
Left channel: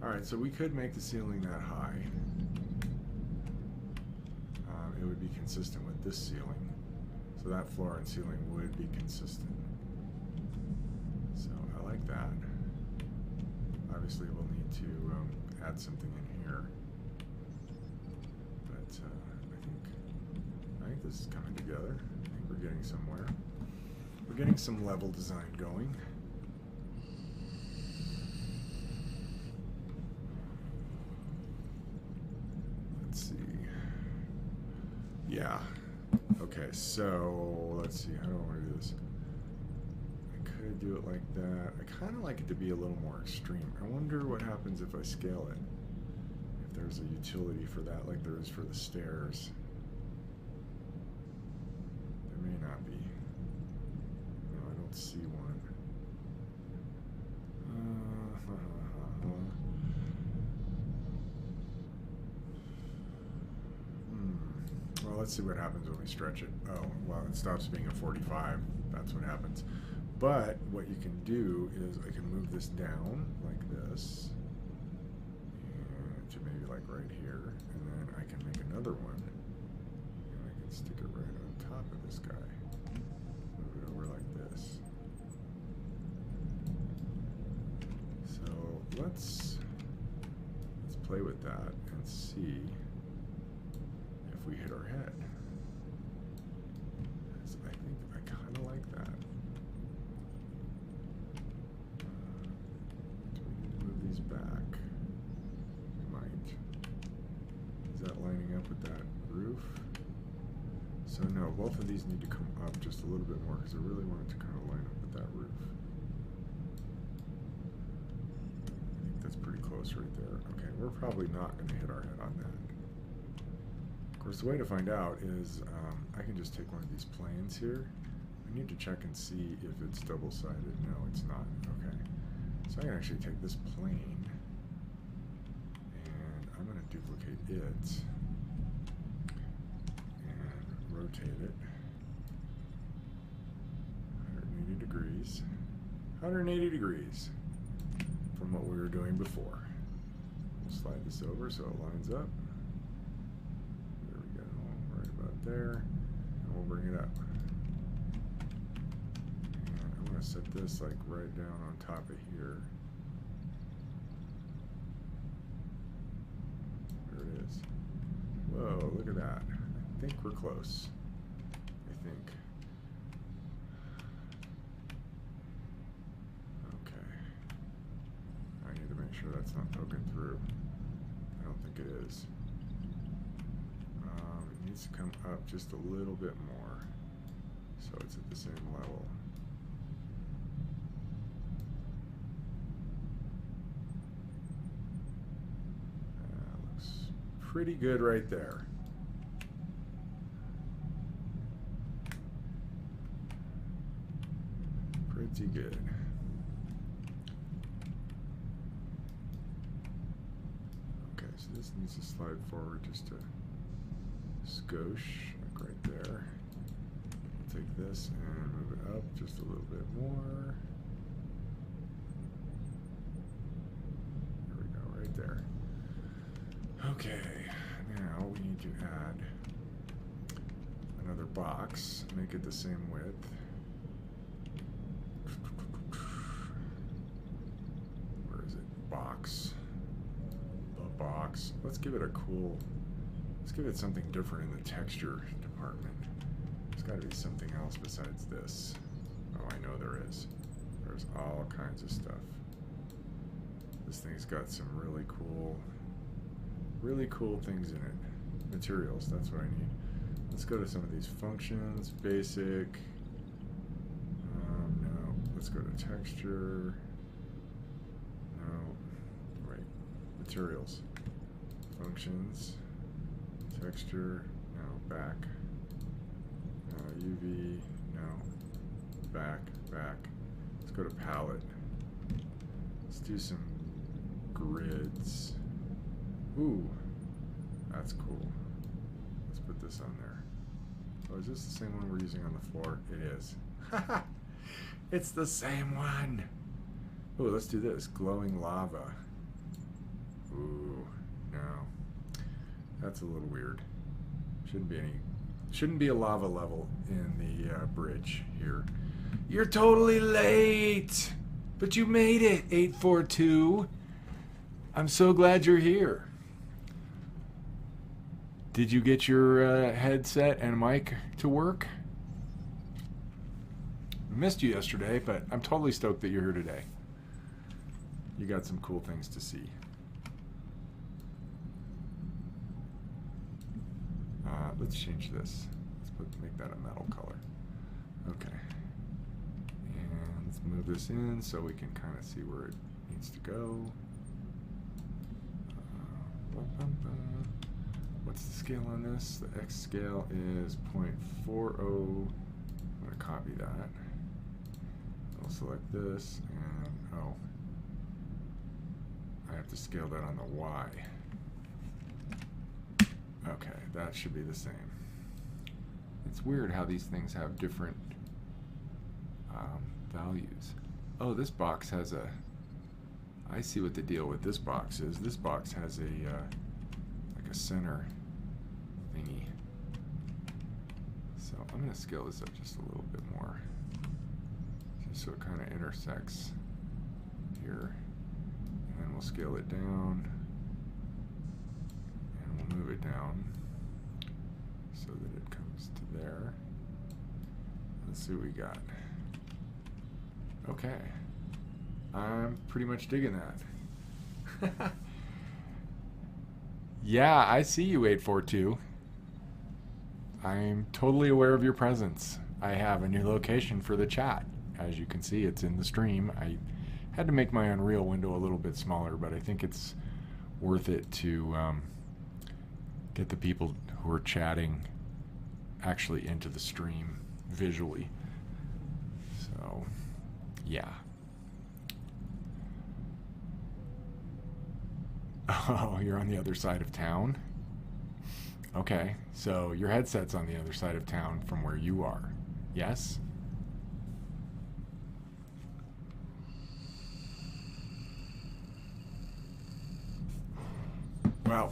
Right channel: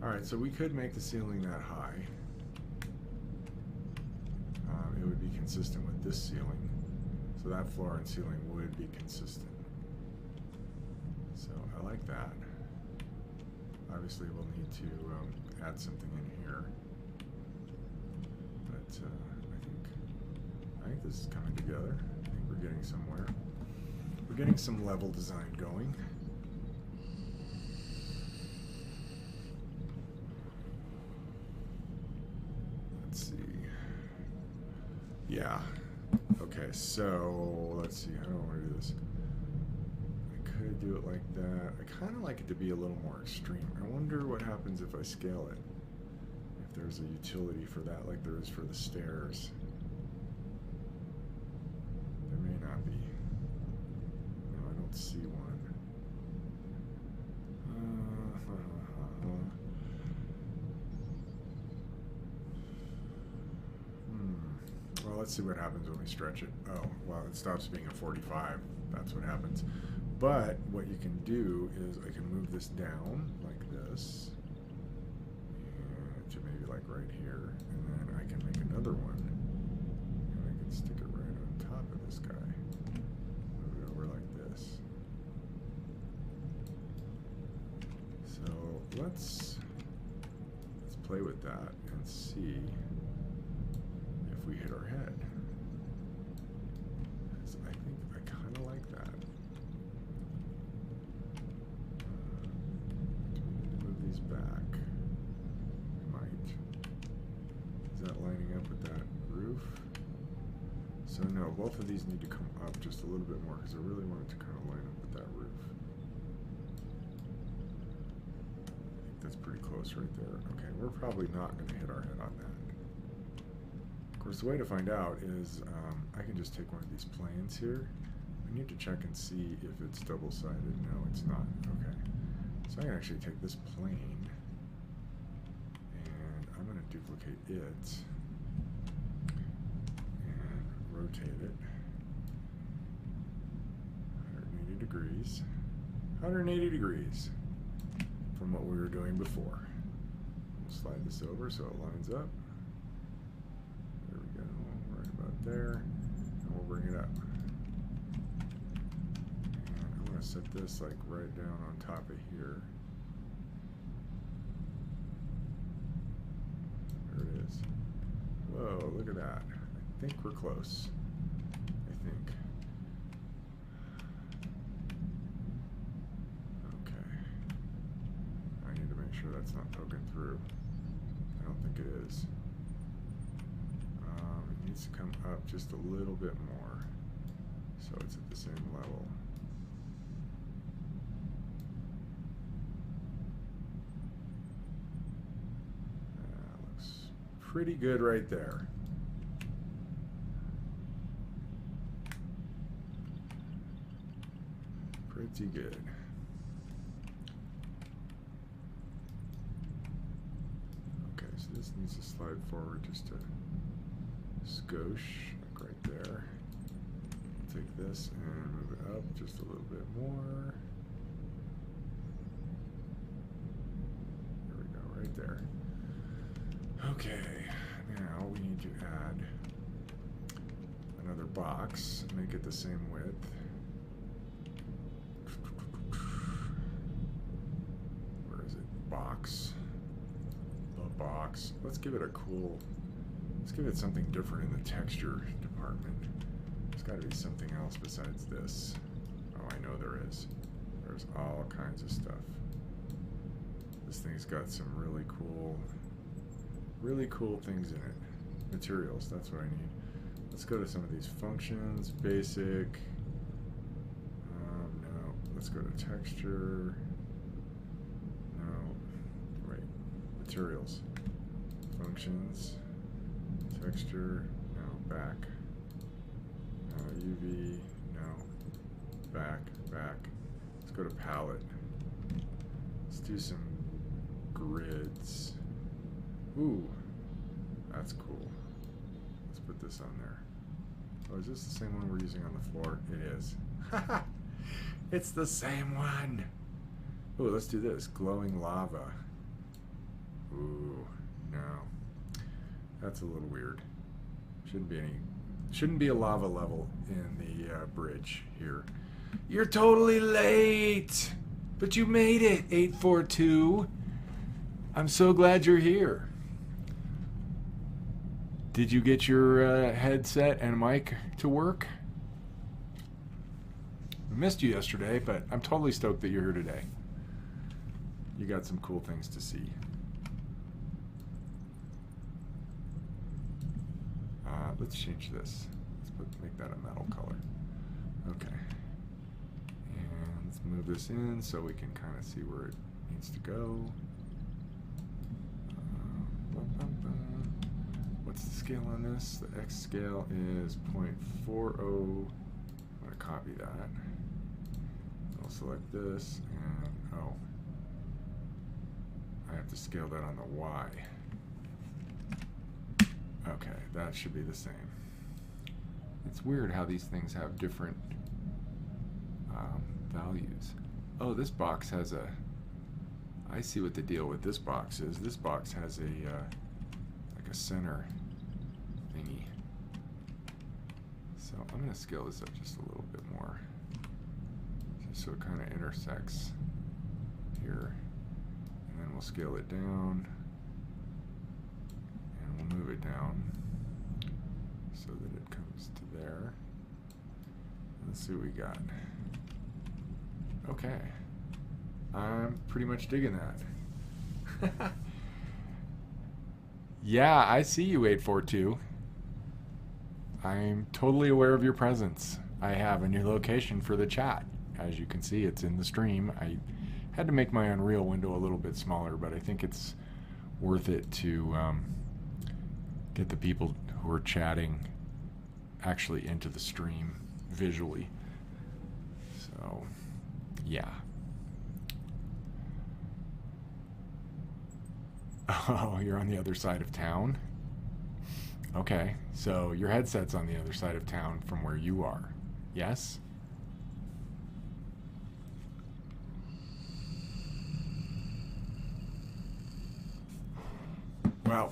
Alright, so we could make the ceiling that high. It would be consistent with this ceiling. So that floor and ceiling would be consistent. So I like that. Obviously we'll need to add something in here. But I think this is coming together. I think we're getting somewhere. We're getting some level design going. Let's see. Yeah. Okay, so let's see. How do I want to do this? I could do it like that. I kind of like it to be a little more extreme. I wonder what happens if I scale it. If there's a utility for that, like there is for the stairs. There may not be. No, I don't see one. Well, let's see what happens when we stretch it. Oh, well, it stops being a 45. That's what happens. But what you can do is I can move this down like this to maybe like right here, and then I can make another one, and I can stick it right on top of this guy. Move it over like this. So let's play with that and see if we hit our head. I think I kind of like that. Do we need to move these back? We might. Is that lining up with that roof? So no, both of these need to come up just a little bit more because I really want it to kind of line up with that roof. I think that's pretty close right there. Okay, we're probably not going to hit our head on that. Of course, the way to find out is I can just take one of these planes here. I need to check and see if it's double-sided. No, it's not. Okay. So I can actually take this plane and I'm going to duplicate it and rotate it 180 degrees. 180 degrees from what we were doing before. We'll slide this over so it lines up. There we go, right about there. And we'll bring it up. And I'm going to set this like right down on top of here. There it is. Whoa, look at that. I think we're close. I think. Okay. I need to make sure that's not poking through. I don't think it is. It needs to come up just a little bit more so it's at the same level. Looks pretty good right there. Pretty good. Okay, so this needs to slide forward just a skosh, like right there. Take this and move it up just a little bit more. There we go, right there. Okay, now we need to add another box, make it the same width. Where is it? Box. The box. Let's give it a cool, let's give it something different in the texture department. There's got to be something else besides this. Oh, I know there is. There's all kinds of stuff. This thing's got some really cool things in it. Materials, that's what I need. Let's go to some of these functions, basic. let's go to texture. No, wait, materials, functions, texture, no, back, UV, no, back. Let's go to palette. Let's do some grids. Ooh, that's cool. Let's put this on there. Oh, is this the same one we're using on the floor? It is. Haha! It's the same one! Ooh, let's do this. Glowing lava. Ooh, no. That's a little weird. Shouldn't be a lava level in the bridge here. You're totally late! But you made it, 842. I'm so glad you're here. Did you get your headset and mic to work? I missed you yesterday, but I'm totally stoked that you're here today. You got some cool things to see. Let's change this. Let's make that a metal color. Okay. And let's move this in so we can kind of see where it needs to go. What's the scale on this? The X scale is 0.40. I'm going to copy that. I'll select this, and oh, I have to scale that on the Y. Okay, that should be the same. It's weird how these things have different values. Oh, this box has a... I see what the deal with this box is. This box has a like a center thingy. So I'm going to scale this up just a little bit more, just so it kind of intersects here. And then we'll scale it down, and we'll move it down so that it comes to there. Let's see what we got. Okay. I'm pretty much digging that. Yeah, I see you, 842. I'm totally aware of your presence. I have a new location for the chat. As you can see, it's in the stream. I had to make my Unreal window a little bit smaller, but I think it's worth it to get the people who are chatting actually into the stream visually. So, yeah. Oh, you're on the other side of town? Okay, so your headset's on the other side of town from where you are. Yes? Well,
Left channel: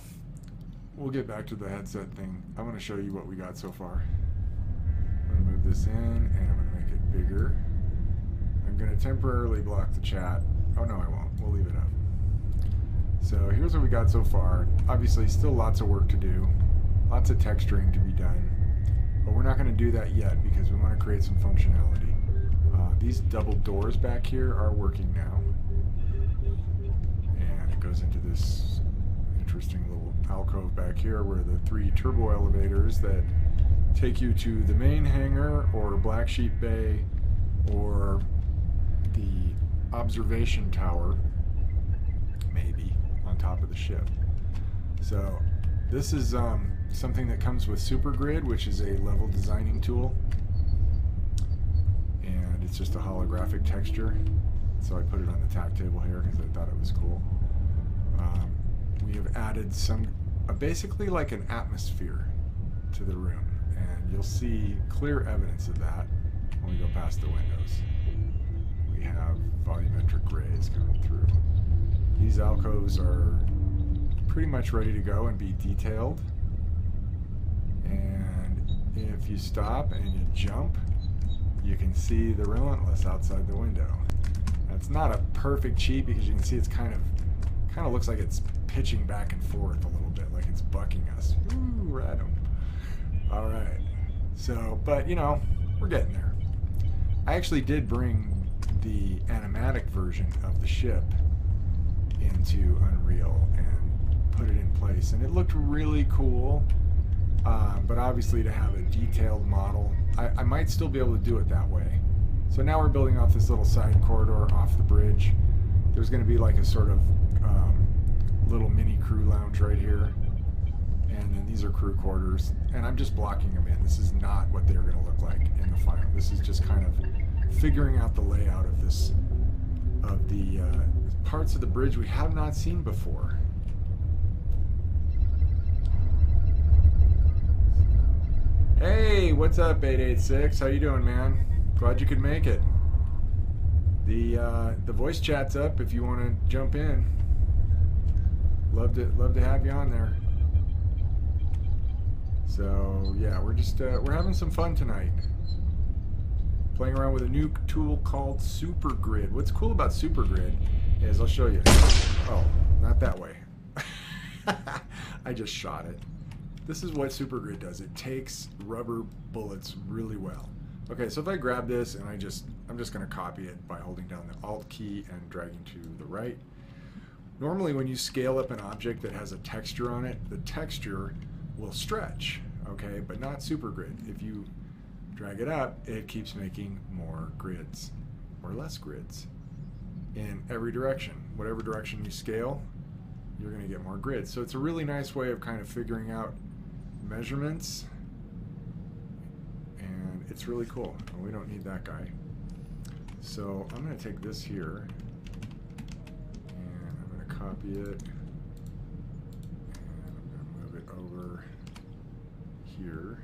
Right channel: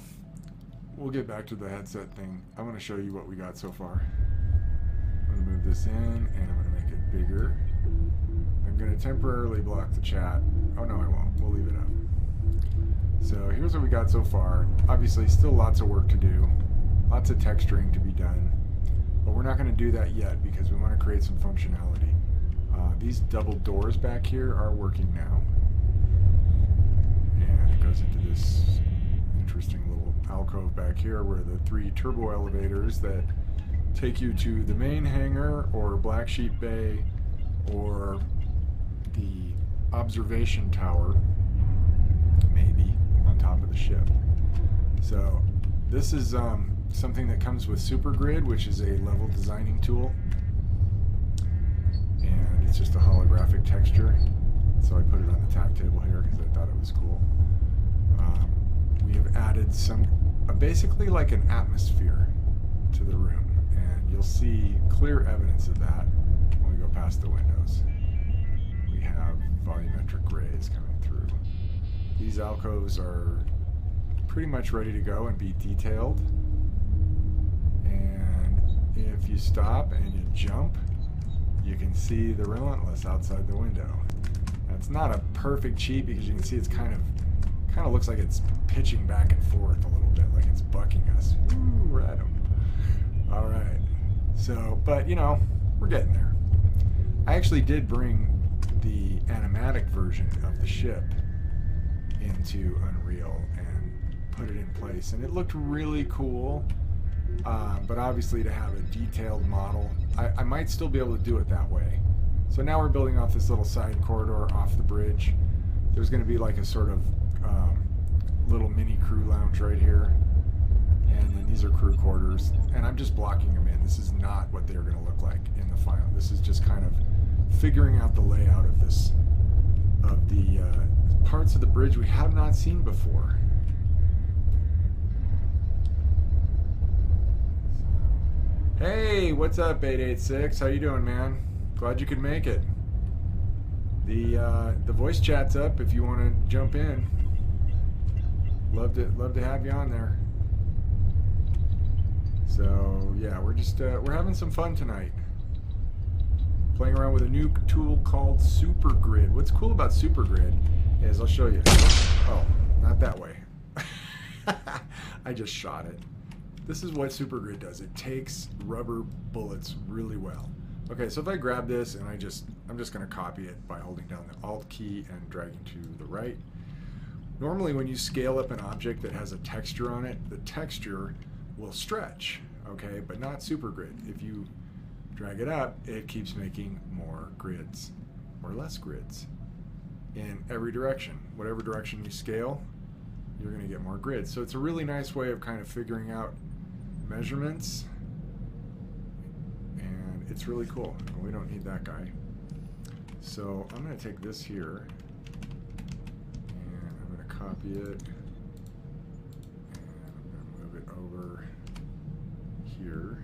we'll get back to the headset thing. I want to show you what we got so far. I'm going to move this in, and I'm going to make it bigger. I'm going to temporarily block the chat. Oh, no, I won't. We'll leave it up. So here's what we got so far. Obviously, still lots of work to do. Lots of texturing to be done. But we're not going to do that yet because we want to create some functionality. These double doors back here are working now. And it goes into this interesting little alcove back here where the 3 turbo elevators that take you to the main hangar or Black Sheep Bay or the observation tower, maybe, on top of the ship. So this is something that comes with SuperGrid, which is a level designing tool. And it's just a holographic texture. So I put it on the tack table here because I thought it was cool. We have added some, basically like an atmosphere to the room. And you'll see clear evidence of that when we go past the windows. We have volumetric rays coming through. These alcoves are pretty much ready to go and be detailed. And if you stop and you jump, you can see the Relentless outside the window. That's not a perfect cheat because you can see it's kind of looks like it's pitching back and forth a little bit, like it's bucking us. Ooh, random. All right. So, but you know, we're getting there. I actually did bring the animatic version of the ship into Unreal and put it in place, and it looked really cool. But obviously, to have a detailed model, I might still be able to do it that way. So now we're building off this little side corridor off the bridge. There's going to be like a sort of little mini crew lounge right here. And then these are crew quarters. And I'm just blocking them in. This is not what they're going to look like in the final. This is just kind of figuring out the layout of this, of the parts of the bridge we have not seen before. Hey, what's up, 886? How you doing, man? Glad you could make it. The voice chat's up if you want to jump in. Love to have you on there. So yeah, we're just we're having some fun tonight. Playing around with a new tool called SuperGrid. What's cool about SuperGrid is, I'll show you. Oh, not that way. I just shot it. This is what SuperGrid does. It takes rubber bullets really well. Okay, so if I grab this and I'm just going to copy it by holding down the Alt key and dragging to the right. Normally when you scale up an object that has a texture on it, the texture will stretch, okay, but not SuperGrid. If you drag it up, it keeps making more grids or less grids in every direction. Whatever direction you scale, you're going to get more grids. So it's a really nice way of kind of figuring out measurements, and it's really cool. We don't need that guy. So I'm going to take this here and I'm going to copy it, and I'm going to move it over here.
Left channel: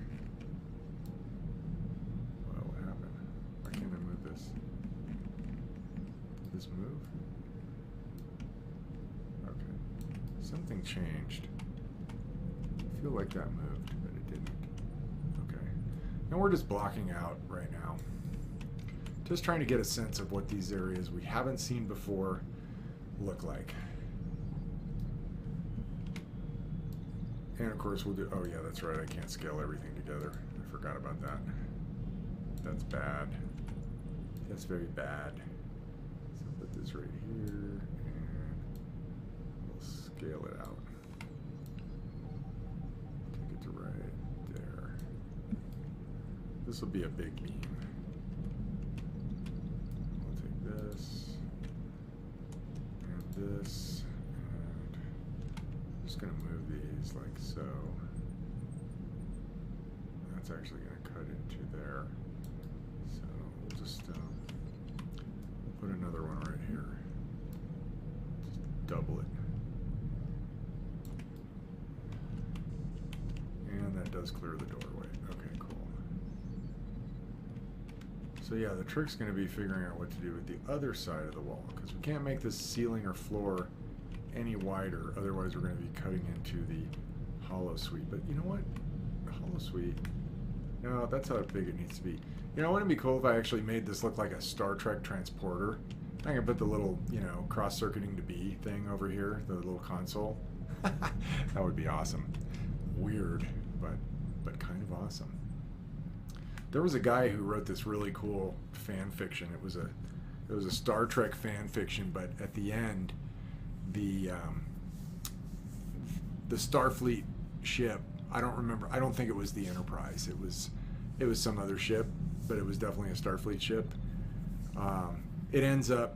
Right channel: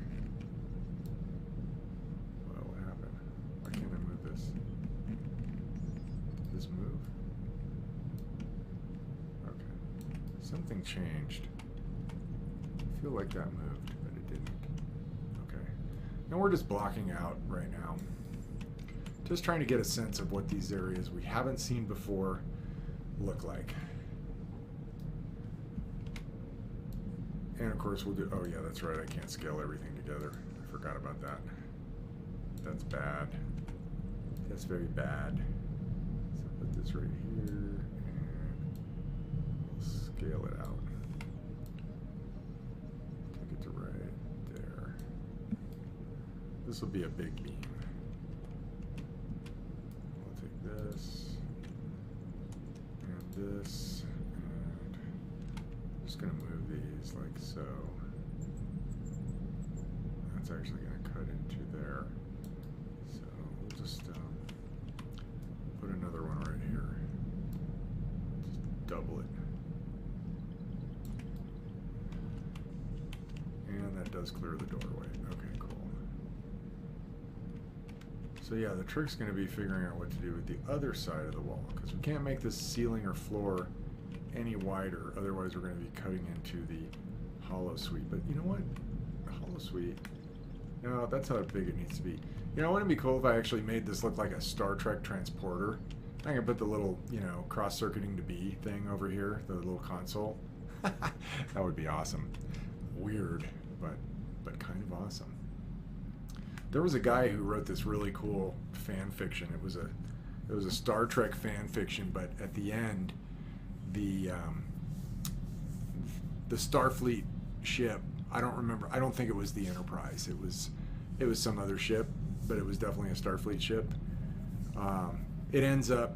Well, what happened? Why can't I move this? Did this move? Okay. Something changed. I feel like that moved, but it didn't. Okay. And we're just blocking out right now. Just trying to get a sense of what these areas we haven't seen before look like. And of course we'll do, oh yeah, that's right, I can't scale everything together. I forgot about that. That's bad. That's very bad. So put this right here, and we'll scale it out. Take it to right there. This will be a big beam. We'll take this, and this, and I'm just going to move these like so. That's actually going to cut into there. So we'll just put another one right here. Just double it. And that does clear the doorway. Okay, cool. So yeah, the trick's going to be figuring out what to do with the other side of the wall, because we can't make this ceiling or floor any wider, otherwise we're going to be cutting into the hollow suite. But you know what? The hollow suite, no, that's how big it needs to be. You know, wouldn't it be cool if I actually made this look like a Star Trek transporter? I can put the little, you know, cross-circuiting to B thing over here, the little console. That would be awesome. Weird, but kind of awesome. There was a guy who wrote this really cool fan fiction. It was a Star Trek fan fiction, but at the end, the Starfleet ship, I don't think it was the Enterprise. It was some other ship, but it was definitely a Starfleet ship. It ends up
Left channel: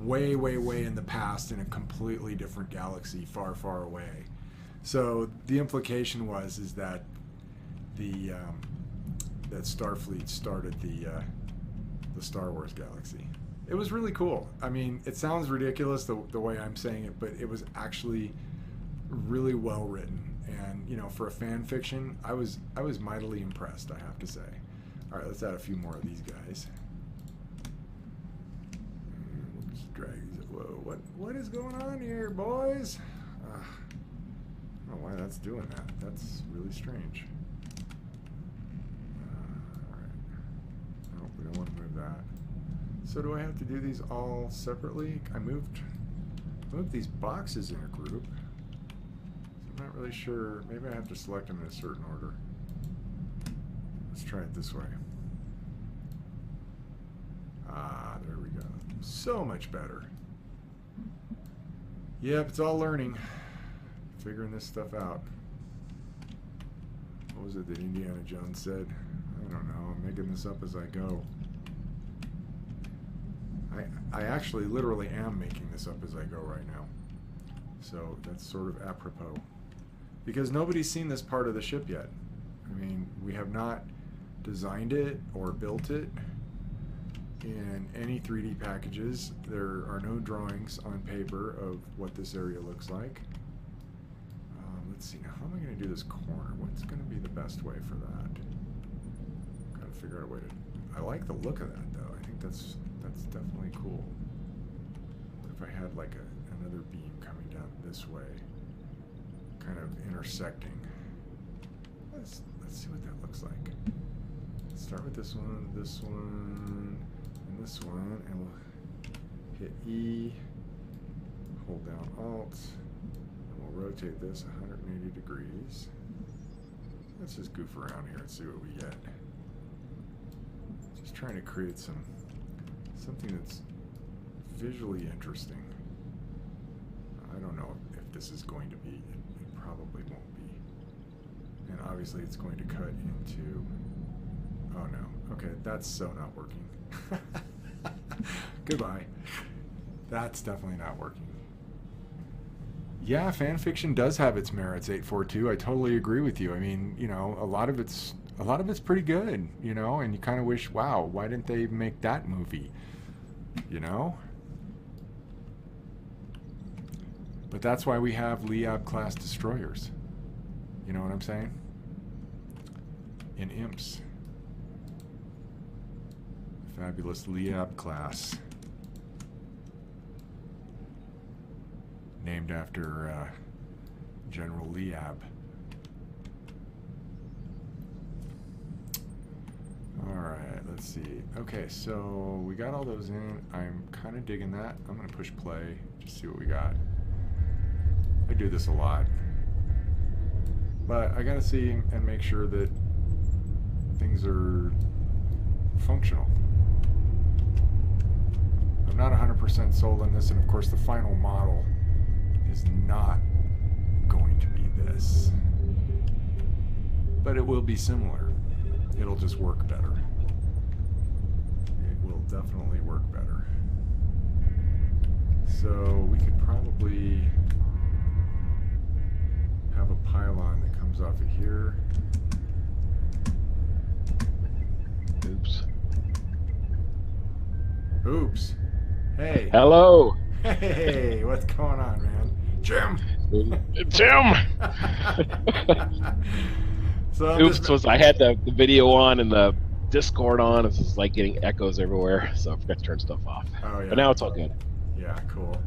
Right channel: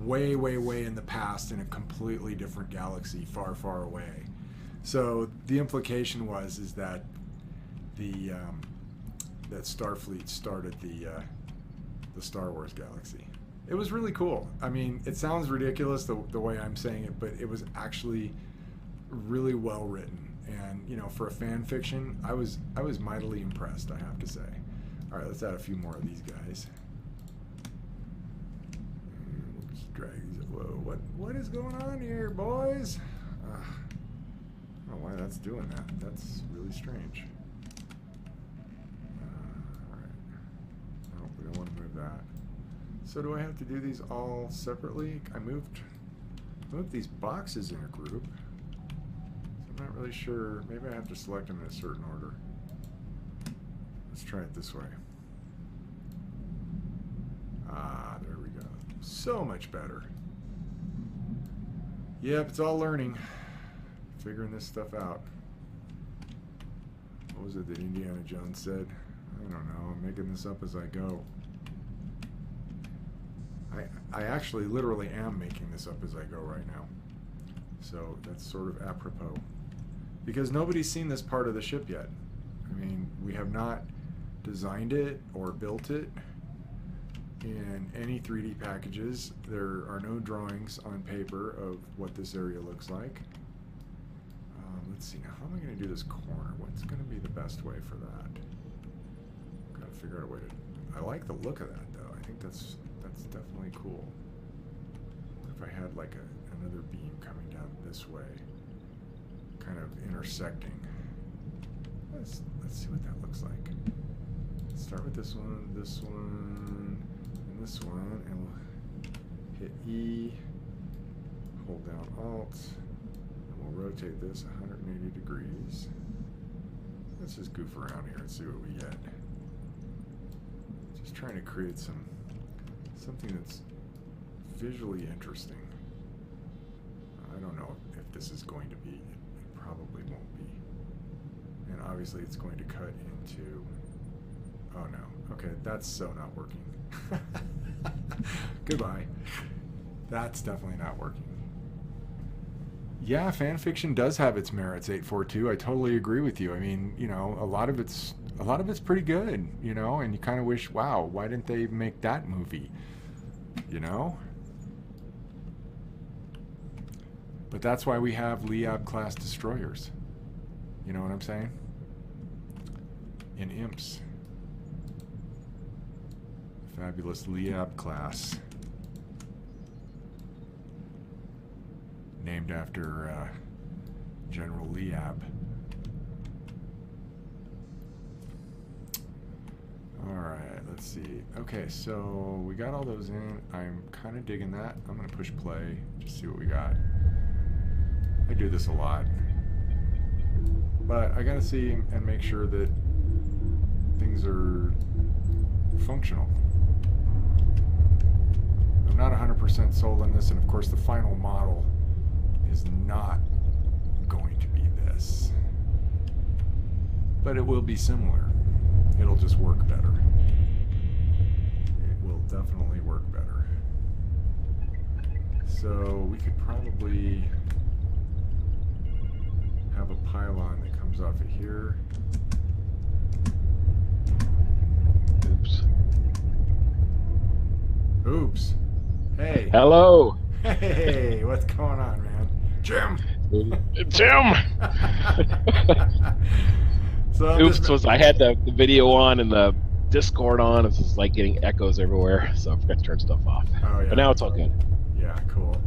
way in the past in a completely different galaxy, far away. So the implication is that that Starfleet started the Star Wars galaxy. It was really cool. I mean, it sounds ridiculous the way I'm saying it, but it was actually really well written. And you know, for a fan fiction, I was mightily impressed, I have to say. All right, let's add a few more of these guys. And we'll just drag these. Whoa, what is going on here, boys? I don't know why that's doing that. That's really strange. All right. Nope, we don't want to move that. So do I have to do these all separately? I moved these boxes in a group. So I'm not really sure. Maybe I have to select them in a certain order. Let's try it this way. Ah, there we go. So much better. Yep, it's all learning. Figuring this stuff out. What was it that Indiana Jones said? I don't know. I'm making this up as I go. I actually literally am making this up as I go right now. So that's sort of apropos. Because nobody's seen this part of the ship yet. I mean, we have not designed it or built it in any 3D packages. There are no drawings on paper of what this area looks like. Let's see, now how am I going to do this corner? What's going to be the best way for that? Got to figure out a way to... I like the look of that, though. I think that's definitely cool. What if I had like another beam coming down this way, kind of intersecting? Let's see what that looks like. Let's start with this one, and this one, and we'll hit E, hold down Alt, and we'll rotate this 180 degrees. Let's just goof around here and see what we get. Just trying to create something that's visually interesting. I don't know if this is going to be. It probably won't be. And obviously it's going to cut into... Oh no. Okay, that's so not working. Goodbye. That's definitely not working. Yeah, fan fiction does have its merits, 842. I totally agree with you. I mean, you know, a lot of it's pretty good, you know, and you kind of wish, wow, why didn't they make that movie? You know? But that's why we have Liab class destroyers. You know what I'm saying? In imps. Fabulous Liab class. Named after General Liab. Alright, let's see. Okay, so we got all those in. I'm kind of digging that. I'm going to push play, just see what we got. I do this a lot. But I got to see and make sure that things are functional. I'm not 100% sold on this, and of course the final model is not going to be this. But it will be similar. It'll just work better. It will definitely work better. So we could probably have a pylon that comes off of here. Oops. Oops. Hey. Hello. Hey, what's going on, man? Jim. Tim. So Oops, I had the video on and the Discord on. It's just like getting echoes everywhere, so I forgot to turn stuff off. Oh yeah. But now it's all good. Yeah, cool.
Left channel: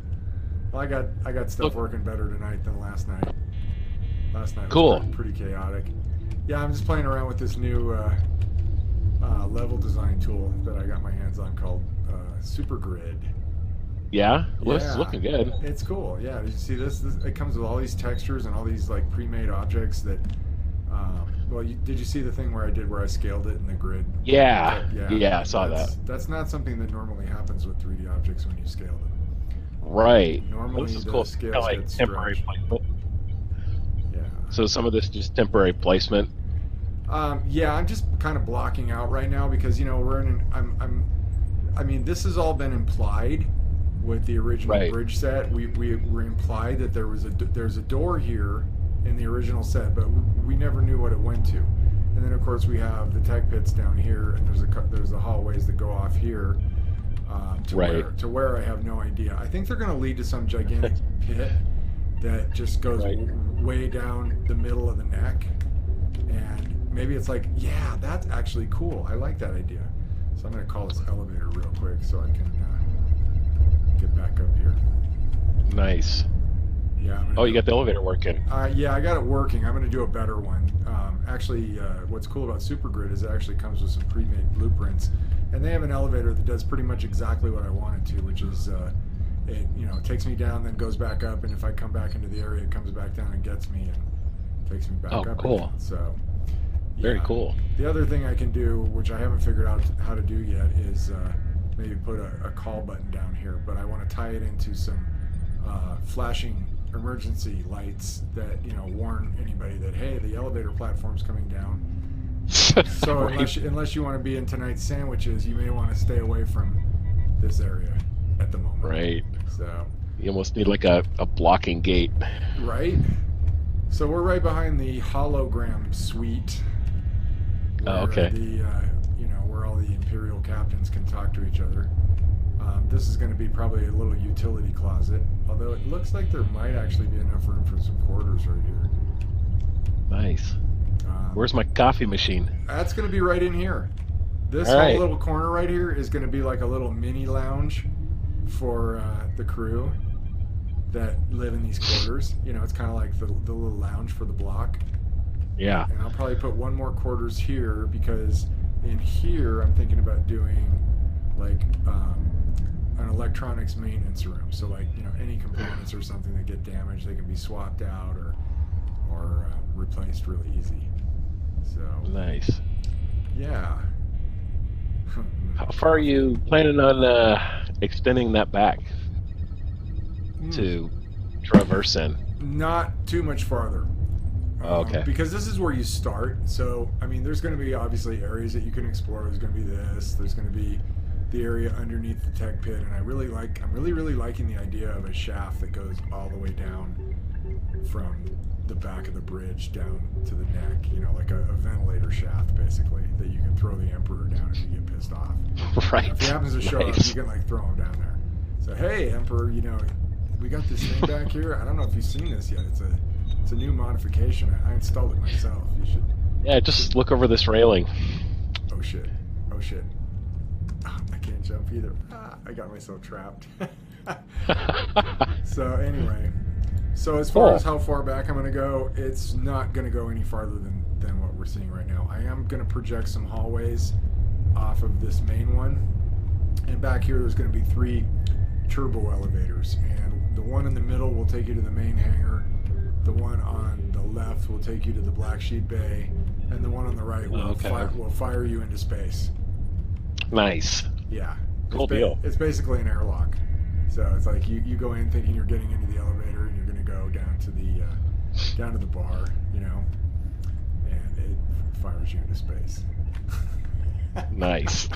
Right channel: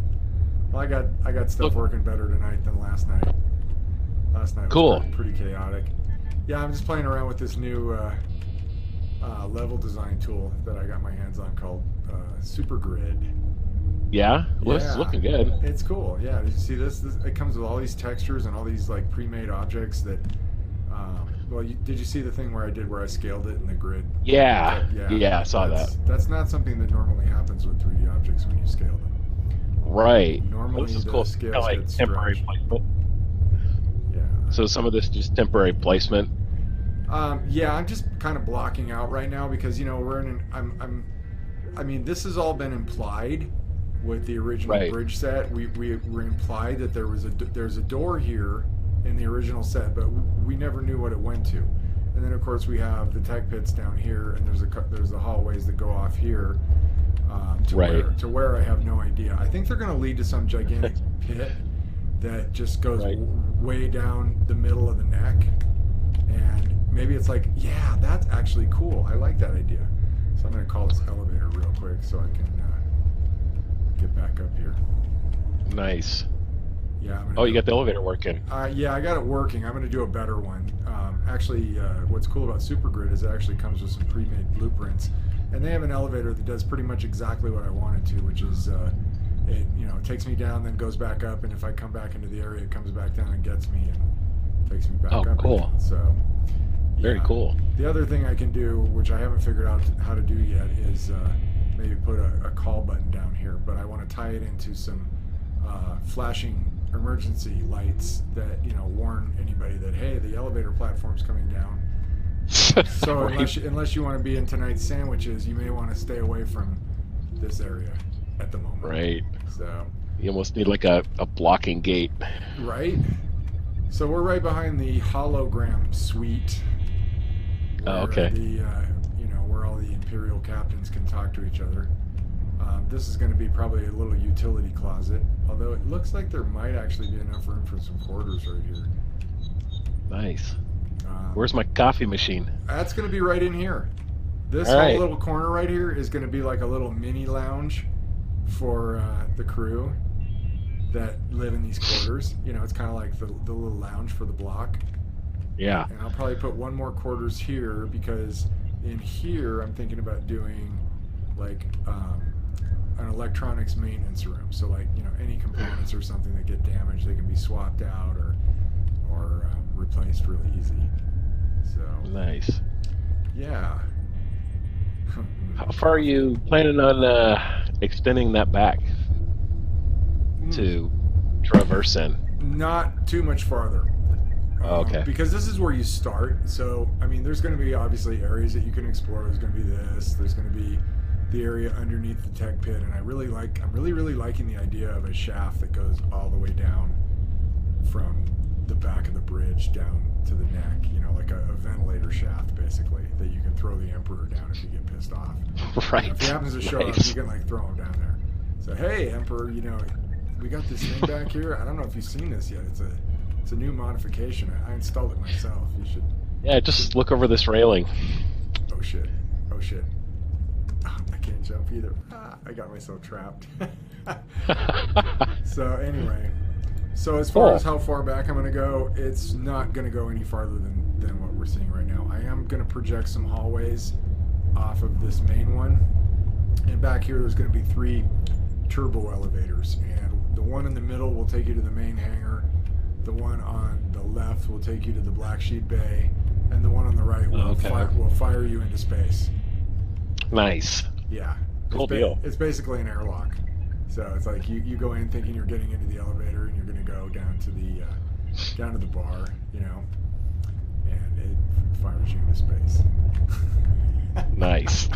Well, I got stuff working better tonight than last night. Last night was pretty chaotic. Yeah, I'm just playing around with this new level design tool that I got my hands on called SuperGrid. Yeah? Well, it's looking good. It's cool. Yeah, did you see this? It comes with all these textures and all these like pre-made objects that well, did you see the thing where I scaled it in the grid? Yeah, I saw that. That's not something that normally happens with 3D objects when you scale them. Right. Normally this is the cool. scales Kind of like get temporary stretched. placement. Yeah. So some of this just temporary placement. Yeah, I'm just kind of blocking out right now because, you know, we're in I mean, this has all been implied with the original bridge set. We were implied that there's a door here in the original set, but we never knew what it went to. And then of course we have the tech pits down here, and there's the hallways that go off here to where I have no idea. I think they're going to lead to some gigantic pit that just goes way down the middle of the neck, and maybe it's like, yeah, that's actually cool. I like that idea. So I'm going to call this elevator real quick so I can get back up here. Nice. Yeah. You got the elevator working. Yeah, I got it working. I'm going to do a better one. Actually, what's cool about SuperGrid is it actually comes with some pre-made blueprints, and they have an elevator that does pretty much exactly what I want it to, which is it takes me down, then goes back up, and if I come back into the area, it comes back down and gets me and takes me back up. Oh, cool. Again. So. Yeah. Very cool. The other thing I can do, which I haven't figured out how to do yet, is maybe put a call button down here, but I want to tie it into some flashing emergency lights that warn anybody that, hey, the elevator platform's coming down. So unless you want to be in tonight's sandwiches, you may want to stay away from this area at the moment. Right. So. You almost need like a blocking gate. Right. So we're right behind the hologram suite. Where okay. The where all the Imperial captains can talk to each other. This is going to be probably a little utility closet, although it looks like there might actually be enough room for some quarters right here. Nice. Where's my coffee machine? That's going to be right in here. This all right. whole little corner right here is going to be like a little mini lounge for the crew that live in these quarters. You know, it's kind of like the little lounge for the block. Yeah. And I'll probably put one more quarters here because in here I'm thinking about doing like an electronics maintenance room. So like, you know, any components or something that get damaged, they can be swapped out or replaced really easy. So nice. Yeah. How far are you planning on extending that back to traverse in? Not too much farther. Okay. Because this is where you start. So, I mean, there's going to be obviously areas that you can explore. There's going to be this. There's going to be the area underneath the tech pit. And I'm really liking the idea of a shaft that goes all the way down from the back of the bridge down to the neck. You know, like a ventilator shaft, basically, that you can throw the Emperor down if you get pissed off. Right. You know, if he happens to show up, you can like throw him down there. So, hey, Emperor, you know, we got this thing back here. I don't know if you've seen this yet. It's a new modification. I installed it myself. You should. Yeah, just look over this railing. Oh shit. Oh shit. Oh, I can't jump either. I got myself trapped. So anyway, so as far as how far back I'm going to go, it's not going to go any farther than what we're seeing right now. I am going to project some hallways off of this main one. And back here there's going to be 3 turbo elevators. And the one in the middle will take you to the main hangar. The one on the left will take you to the Black Sheep Bay, and the one on the right will fire you into space. Nice. Yeah. Cool deal. It's basically an airlock. So it's like you go in thinking you're getting into the elevator, and you're going to go down to the bar, you know, and it fires you into space. Nice.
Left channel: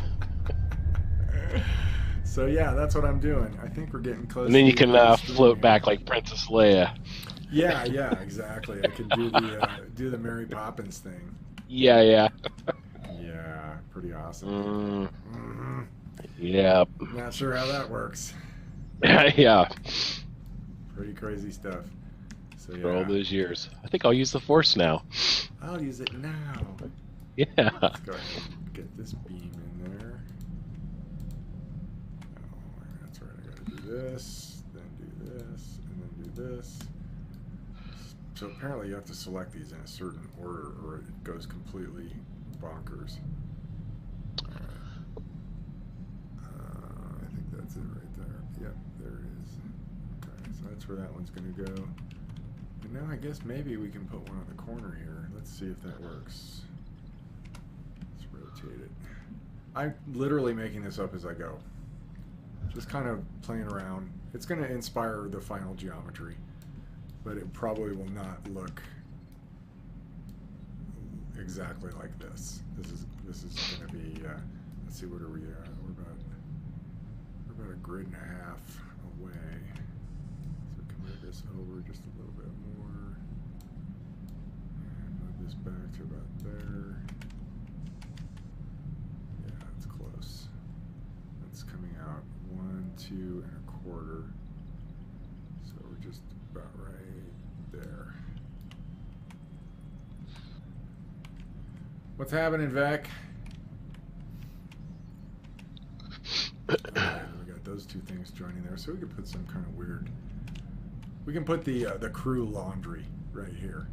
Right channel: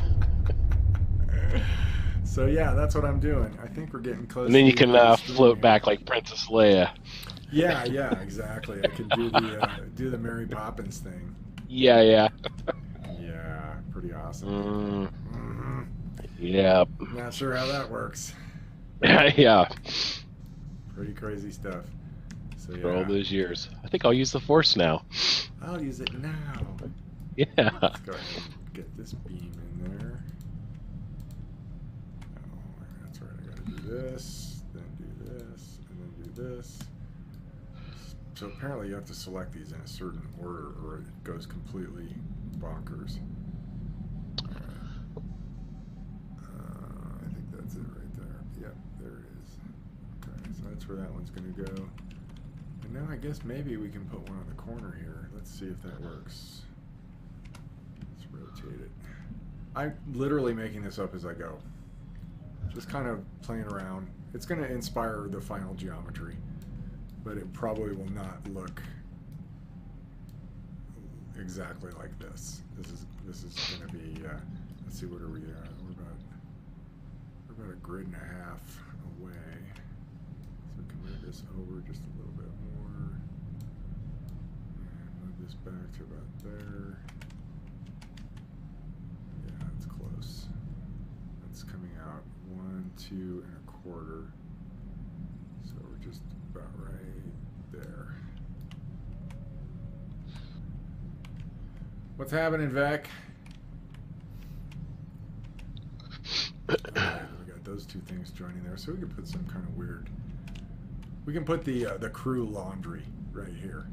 So yeah, that's what I'm doing. I think we're getting close. And then you can float back like Princess Leia. Yeah, exactly. I can do the Mary Poppins thing. Yeah. Yeah, pretty awesome. Yeah. Not sure how that works. Yeah. Pretty crazy stuff. So yeah. For all those years, I think I'll use the Force now. I'll use it now. Yeah. Let's go ahead and get this beam in there. Oh, that's right. I gotta do this, then do this, and then do this. So apparently you have to select these in a certain order or it goes completely bonkers. Alright. I think that's it right there. Yep, there it is. Okay, so that's where that one's going to go. And now I guess maybe we can put one on the corner here. Let's see if that works. Let's rotate it. I'm literally making this up as I go. Just kind of playing around. It's going to inspire the final geometry. But it probably will not look exactly like this. This is going to be. Let's see, what are we at? We're about a grid and a half away. So we can move this over just a little bit more, and move this back to about there. Yeah, it's close. That's coming out 1, 2 1/4. So we're just about right there. What's happening, Vec? Okay, we got those 2 things joining there, so we can put some kind of weird. We can put the crew laundry right here.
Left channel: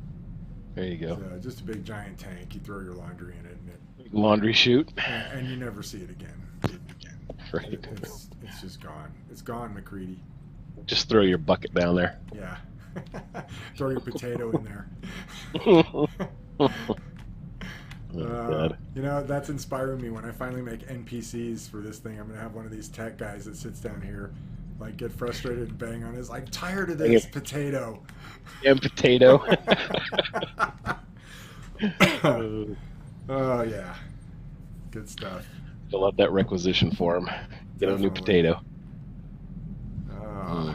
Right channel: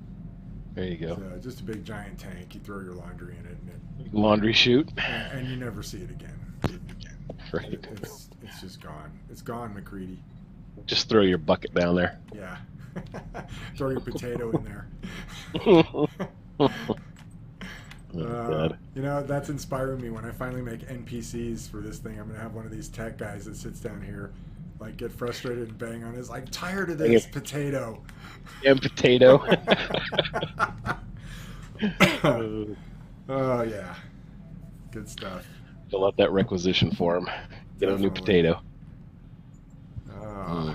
There you go. So just a big giant tank. You throw your laundry in it, and laundry chute. And you never see it again. Right. It's just gone. It's gone, McCready. Just throw your bucket down there. Yeah. Throw your potato in there. You know, that's inspiring me. When I finally make NPCs for this thing, I'm going to have one of these tech guys that sits down here, like, get frustrated and bang on his, I'm tired of this potato. And potato. Oh, yeah. Good stuff. Fill out that requisition form. Get a new definitely. potato. Uh,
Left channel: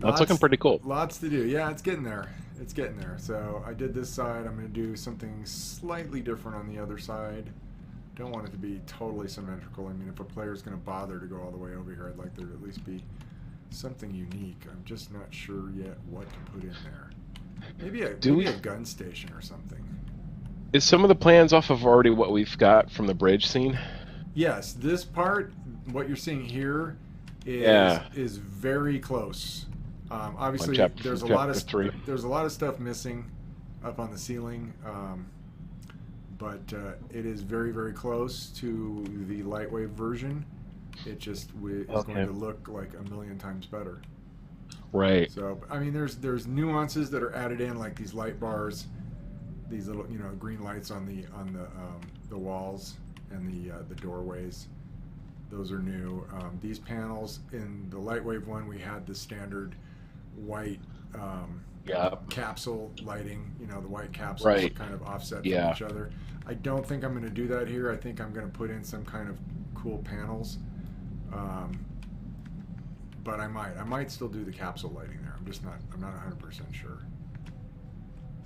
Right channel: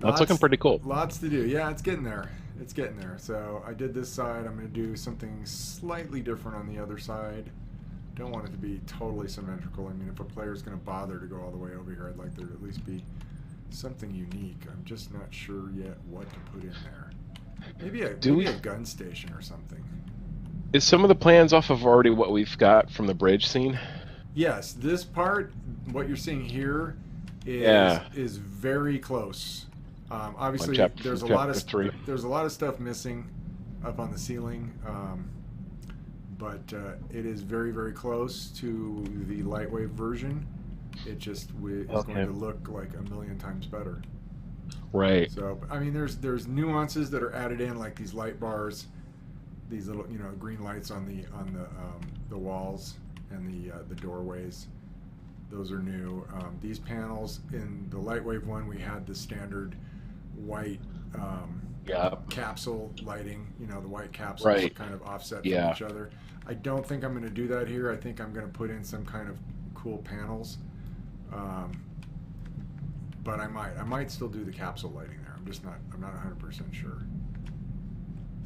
That's looking pretty cool. Lots to do. Yeah, it's getting there. It's getting there. So I did this side. I'm going to do something slightly different on the other side. Don't want it to be totally symmetrical. I mean, if a player's going to bother to go all the way over here, I'd like there to at least be something unique. I'm just not sure yet what to put in there. Maybe a gun station or something. Is some of the plans off of already what we've got from the bridge scene? Yes, this part, what you're seeing here, is very close. Obviously, there's a lot of stuff missing up on the ceiling, but it is very, very close to the lightweight version. It just is going to look like a million times better. Right. So, I mean, there's nuances that are added in, like these light bars, these little green lights on the walls and the doorways. Those are new. These panels in the Lightwave one, we had the standard white capsule lighting. The white capsules kind of offset from each other. I don't think I'm going to do that here. I think I'm going to put in some kind of cool panels. But I might still do the capsule lighting there. I'm not 100% sure.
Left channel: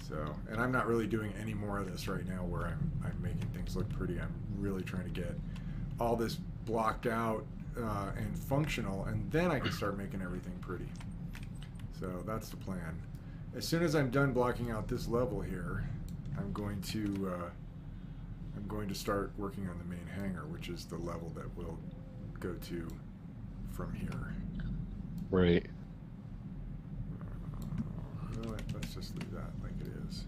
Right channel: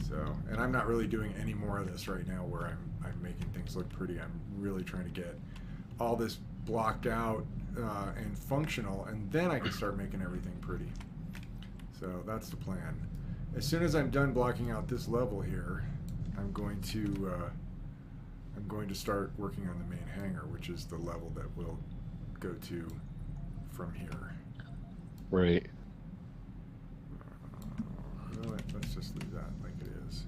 So, and I'm not really doing any more of this right now where I'm making things look pretty. I'm really trying to get all this blocked out and functional, and then I can start making everything pretty. So that's the plan. As soon as I'm done blocking out this level here, I'm going to start working on the main hangar, which is the level that we'll go to from here. Right. Let's just leave that like it is.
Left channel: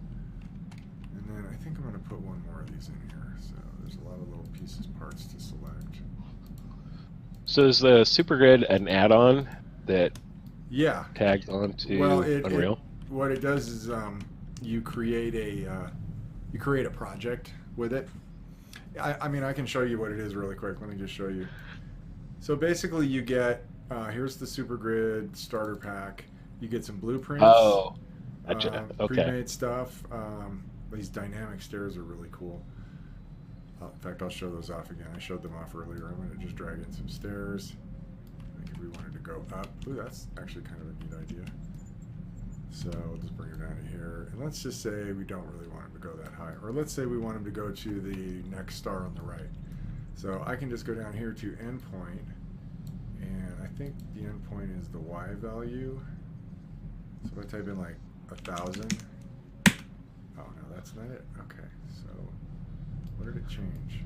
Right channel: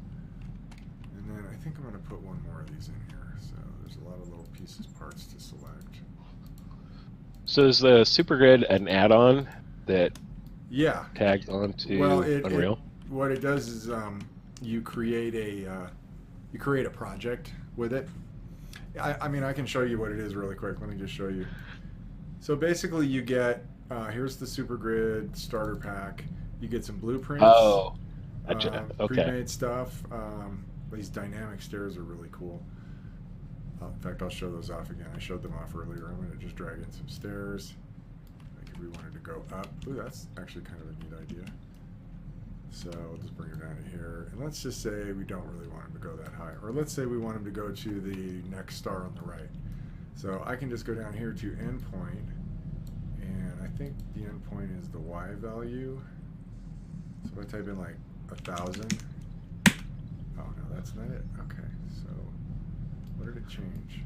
And then I think I'm going to put one more of these in here. So there's a lot of little pieces, parts to select. So is the SuperGrid an add-on that tags on to Unreal? What it does is you create a project with it. I mean, I can show you what it is really quick. Let me just show you. So basically you get, here's the SuperGrid starter pack. You get some blueprints. Oh, gotcha. Pre-made stuff. These dynamic stairs are really cool. In fact, I'll show those off again. I showed them off earlier. I'm going to just drag in some stairs. Like if we wanted to go up. Ooh, that's actually kind of a neat idea. So we'll just bring her down to here. And let's just say we don't really want him to go that high. Or let's say we want him to go to the next star on the right. So I can just go down here to endpoint. And I think the endpoint is the Y value. So if I type in like 1,000. Oh no, that's not it. Okay, so what did it change?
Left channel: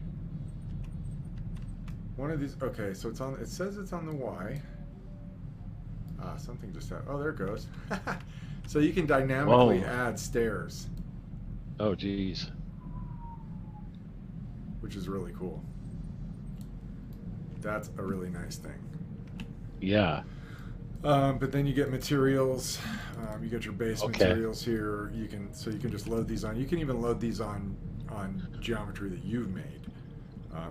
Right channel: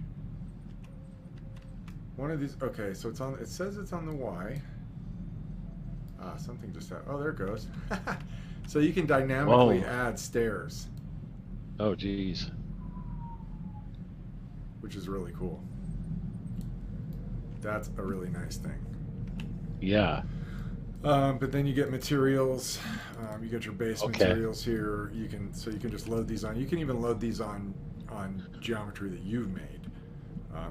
One of these. Okay, so it's on. It says it's on the Y. Ah, something just happened. Oh, there it goes. So you can dynamically add stairs. Oh, geez. Which is really cool. That's a really nice thing. Yeah. But then you get materials. You get your base materials here. You can just load these on. You can even load these on geometry that you've made.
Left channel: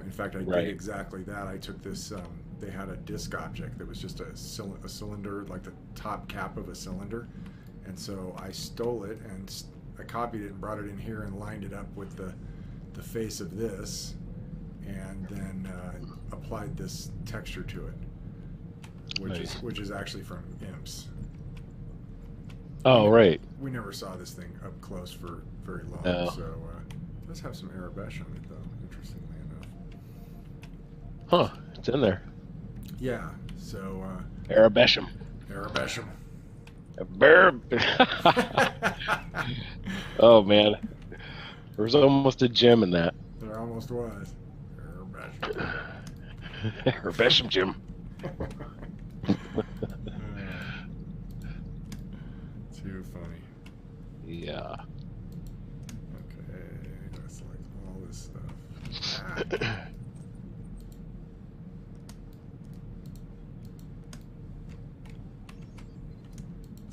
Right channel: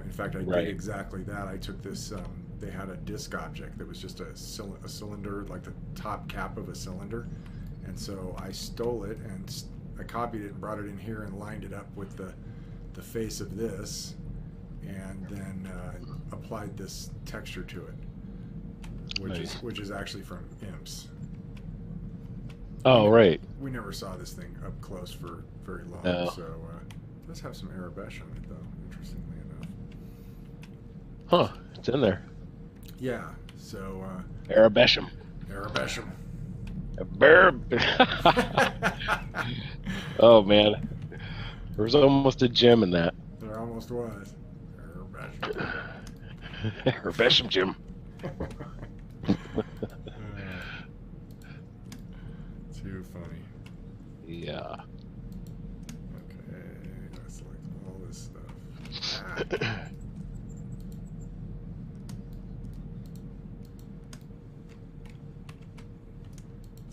In fact, I did exactly that. I took this. They had a disk object that was just a cylinder, like the top cap of a cylinder, and so I stole it and I copied it and brought it in here and lined it up with the face of this, and then applied this texture to it. Which is actually from Imps. Oh, right. We never saw this thing up close for very long, so it does have some Arabesh on it, though, interestingly enough. Huh, it's in there. Yeah, so... Arabesham. Arabesham. Oh, man. There was almost a gem in that. There almost was. Arabesham. Arabesham gem. Too funny. Yeah. Okay, gotta select all this stuff.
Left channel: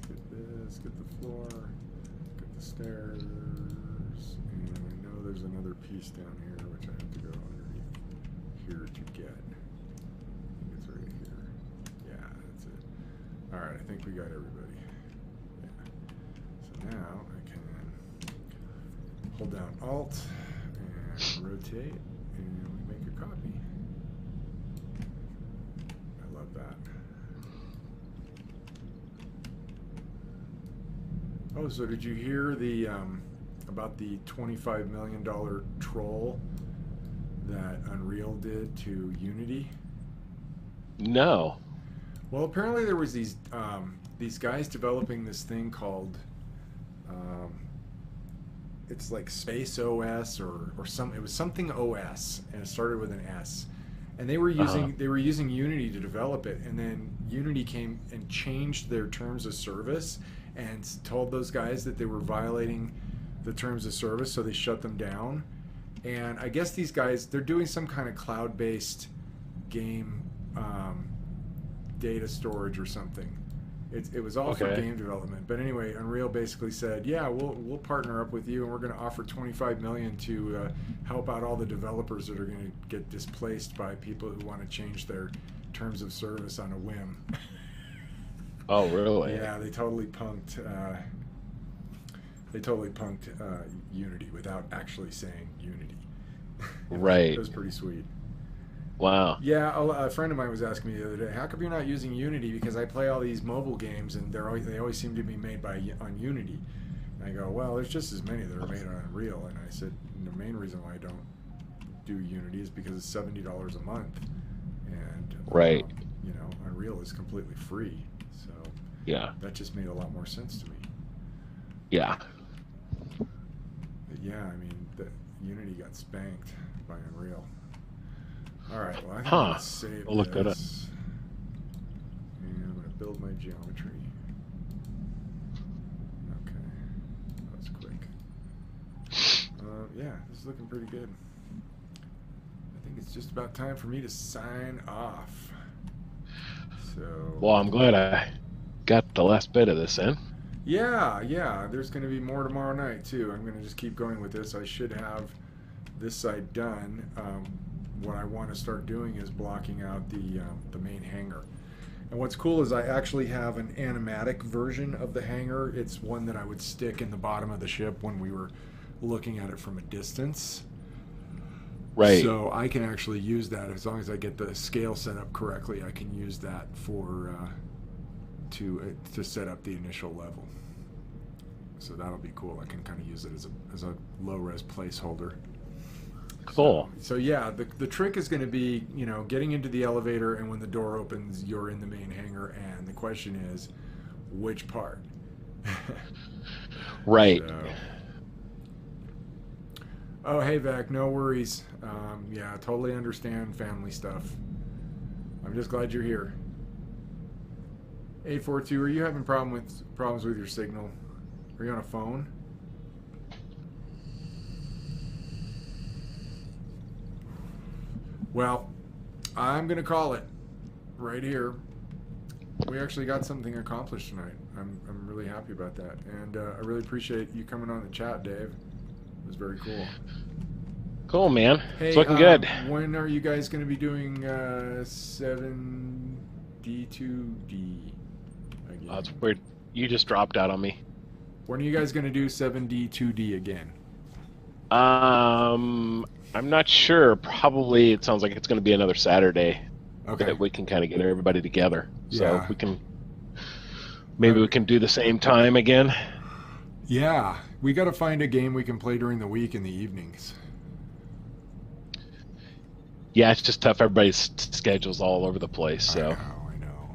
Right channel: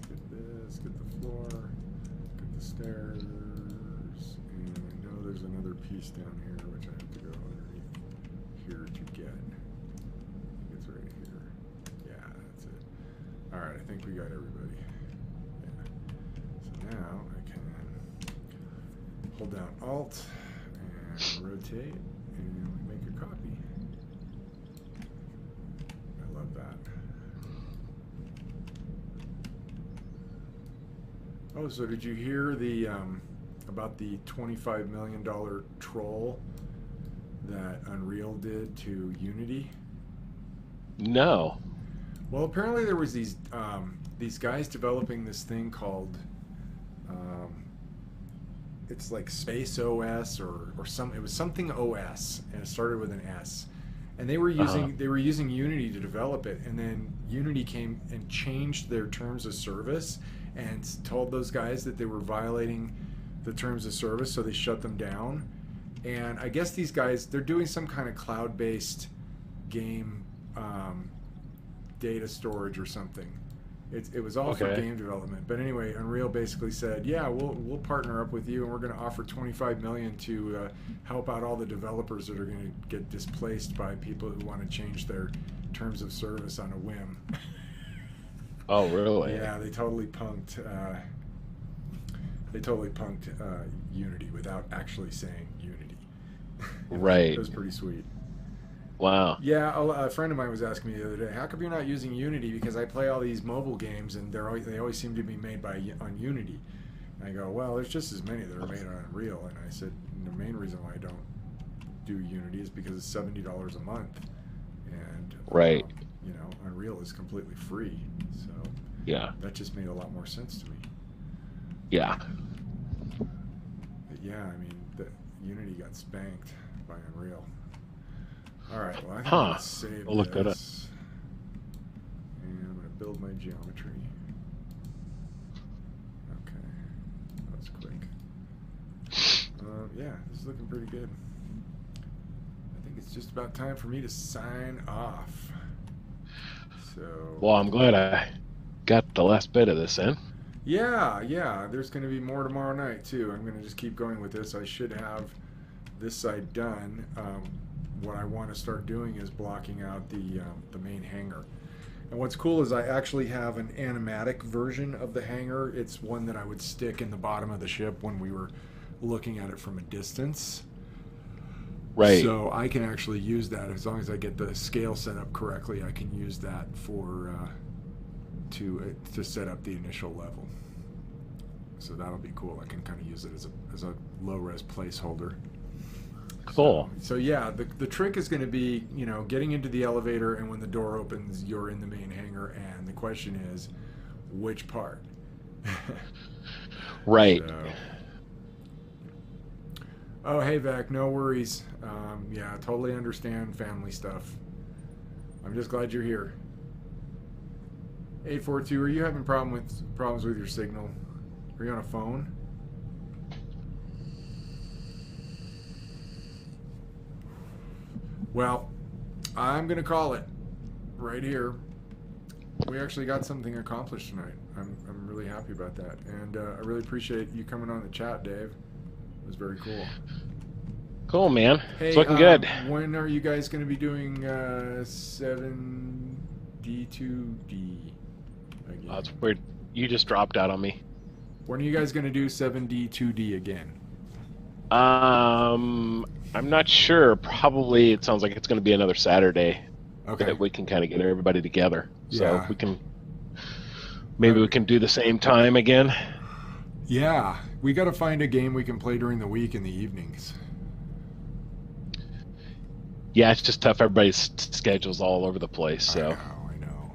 Get this, get the floor, get the stairs, and I know there's another piece down here which I have to go underneath here to get. Alright, I think we got everybody. Yeah. So now I can hold down Alt and rotate, and we make a copy. love that. Oh, so did you hear the about the $25 million troll that Unreal did to Unity? No. Well, apparently there was these guys developing this thing called it's like Space OS or some, it was something OS, and it started with an S. And they were using Unity to develop it, and then Unity came and changed their terms of service and told those guys that they were violating the terms of service, so they shut them down. And I guess these guys, they're doing some kind of cloud-based game data storage or something. It was all for game development. But anyway, Unreal basically said, yeah, we'll partner up with you, and we're going to offer $25 million to help out all the developers that are going to get displaced by people who want to change their terms of service on a whim. Oh, really? Yeah, they totally punked Unity without actually saying Unity. Right. It was pretty sweet. Wow. Yeah, a friend of mine was asking me the other day, how come you're not using Unity? Because I play all these mobile games, and they always seem to be made on Unity. And I go, well, there's just as many that are made on Unreal. And I said, the main reason why I don't do Unity is because it's $70 a month, and right. You know, Unreal is completely free. So yeah, that just made a lot more sense to me. Yeah. But yeah, I mean, Unity got spanked by Unreal. All right, well, I think I'm going to save I'll look that up. And I'm going to build my geometry. Okay, that was quick. Yeah, this is looking pretty good. I think it's just about time for me to sign off. So. Well, I'm glad I got the last bit of this in. Yeah, there's going to be more tomorrow night, too. I'm going to just keep going with this. I should have this side done. What I want to start doing is blocking out the main hangar. And what's cool is I actually have an animatic version of the hangar. It's one that I would stick in the bottom of the ship when we were looking at it from a distance. Right. So I can actually use that as long as I get the scale set up correctly. I can use that for to set up the initial level. So that'll be cool. I can kind of use it as a low-res placeholder. Cool. So yeah, the trick is going to be, you know, getting into the elevator, and when the door opens, you're in the main hangar, and the question is, which part? Right. So. Oh, hey, Vec, no worries. Yeah, totally understand family stuff. I'm just glad you're here. 842, are you having problems with your signal? Are you on a phone? Well, I'm going to call it right here. We actually got something accomplished tonight. I'm really happy about that. And I really appreciate you coming on the chat, Dave. It was very cool. Cool, man. Hey, it's looking good. When are you guys going to be doing 7D2D again? Oh, it's weird. You just dropped out on me. When are you guys going to do 7D2D again? I'm not sure. Probably it sounds like it's going to be another Saturday. Okay. That we can kind of get everybody together. Yeah. So we can maybe we can do the same time again. Yeah, we got to find a game we can play during the week in the evenings. Yeah, it's just tough. Everybody's schedule's all over the place. So I know.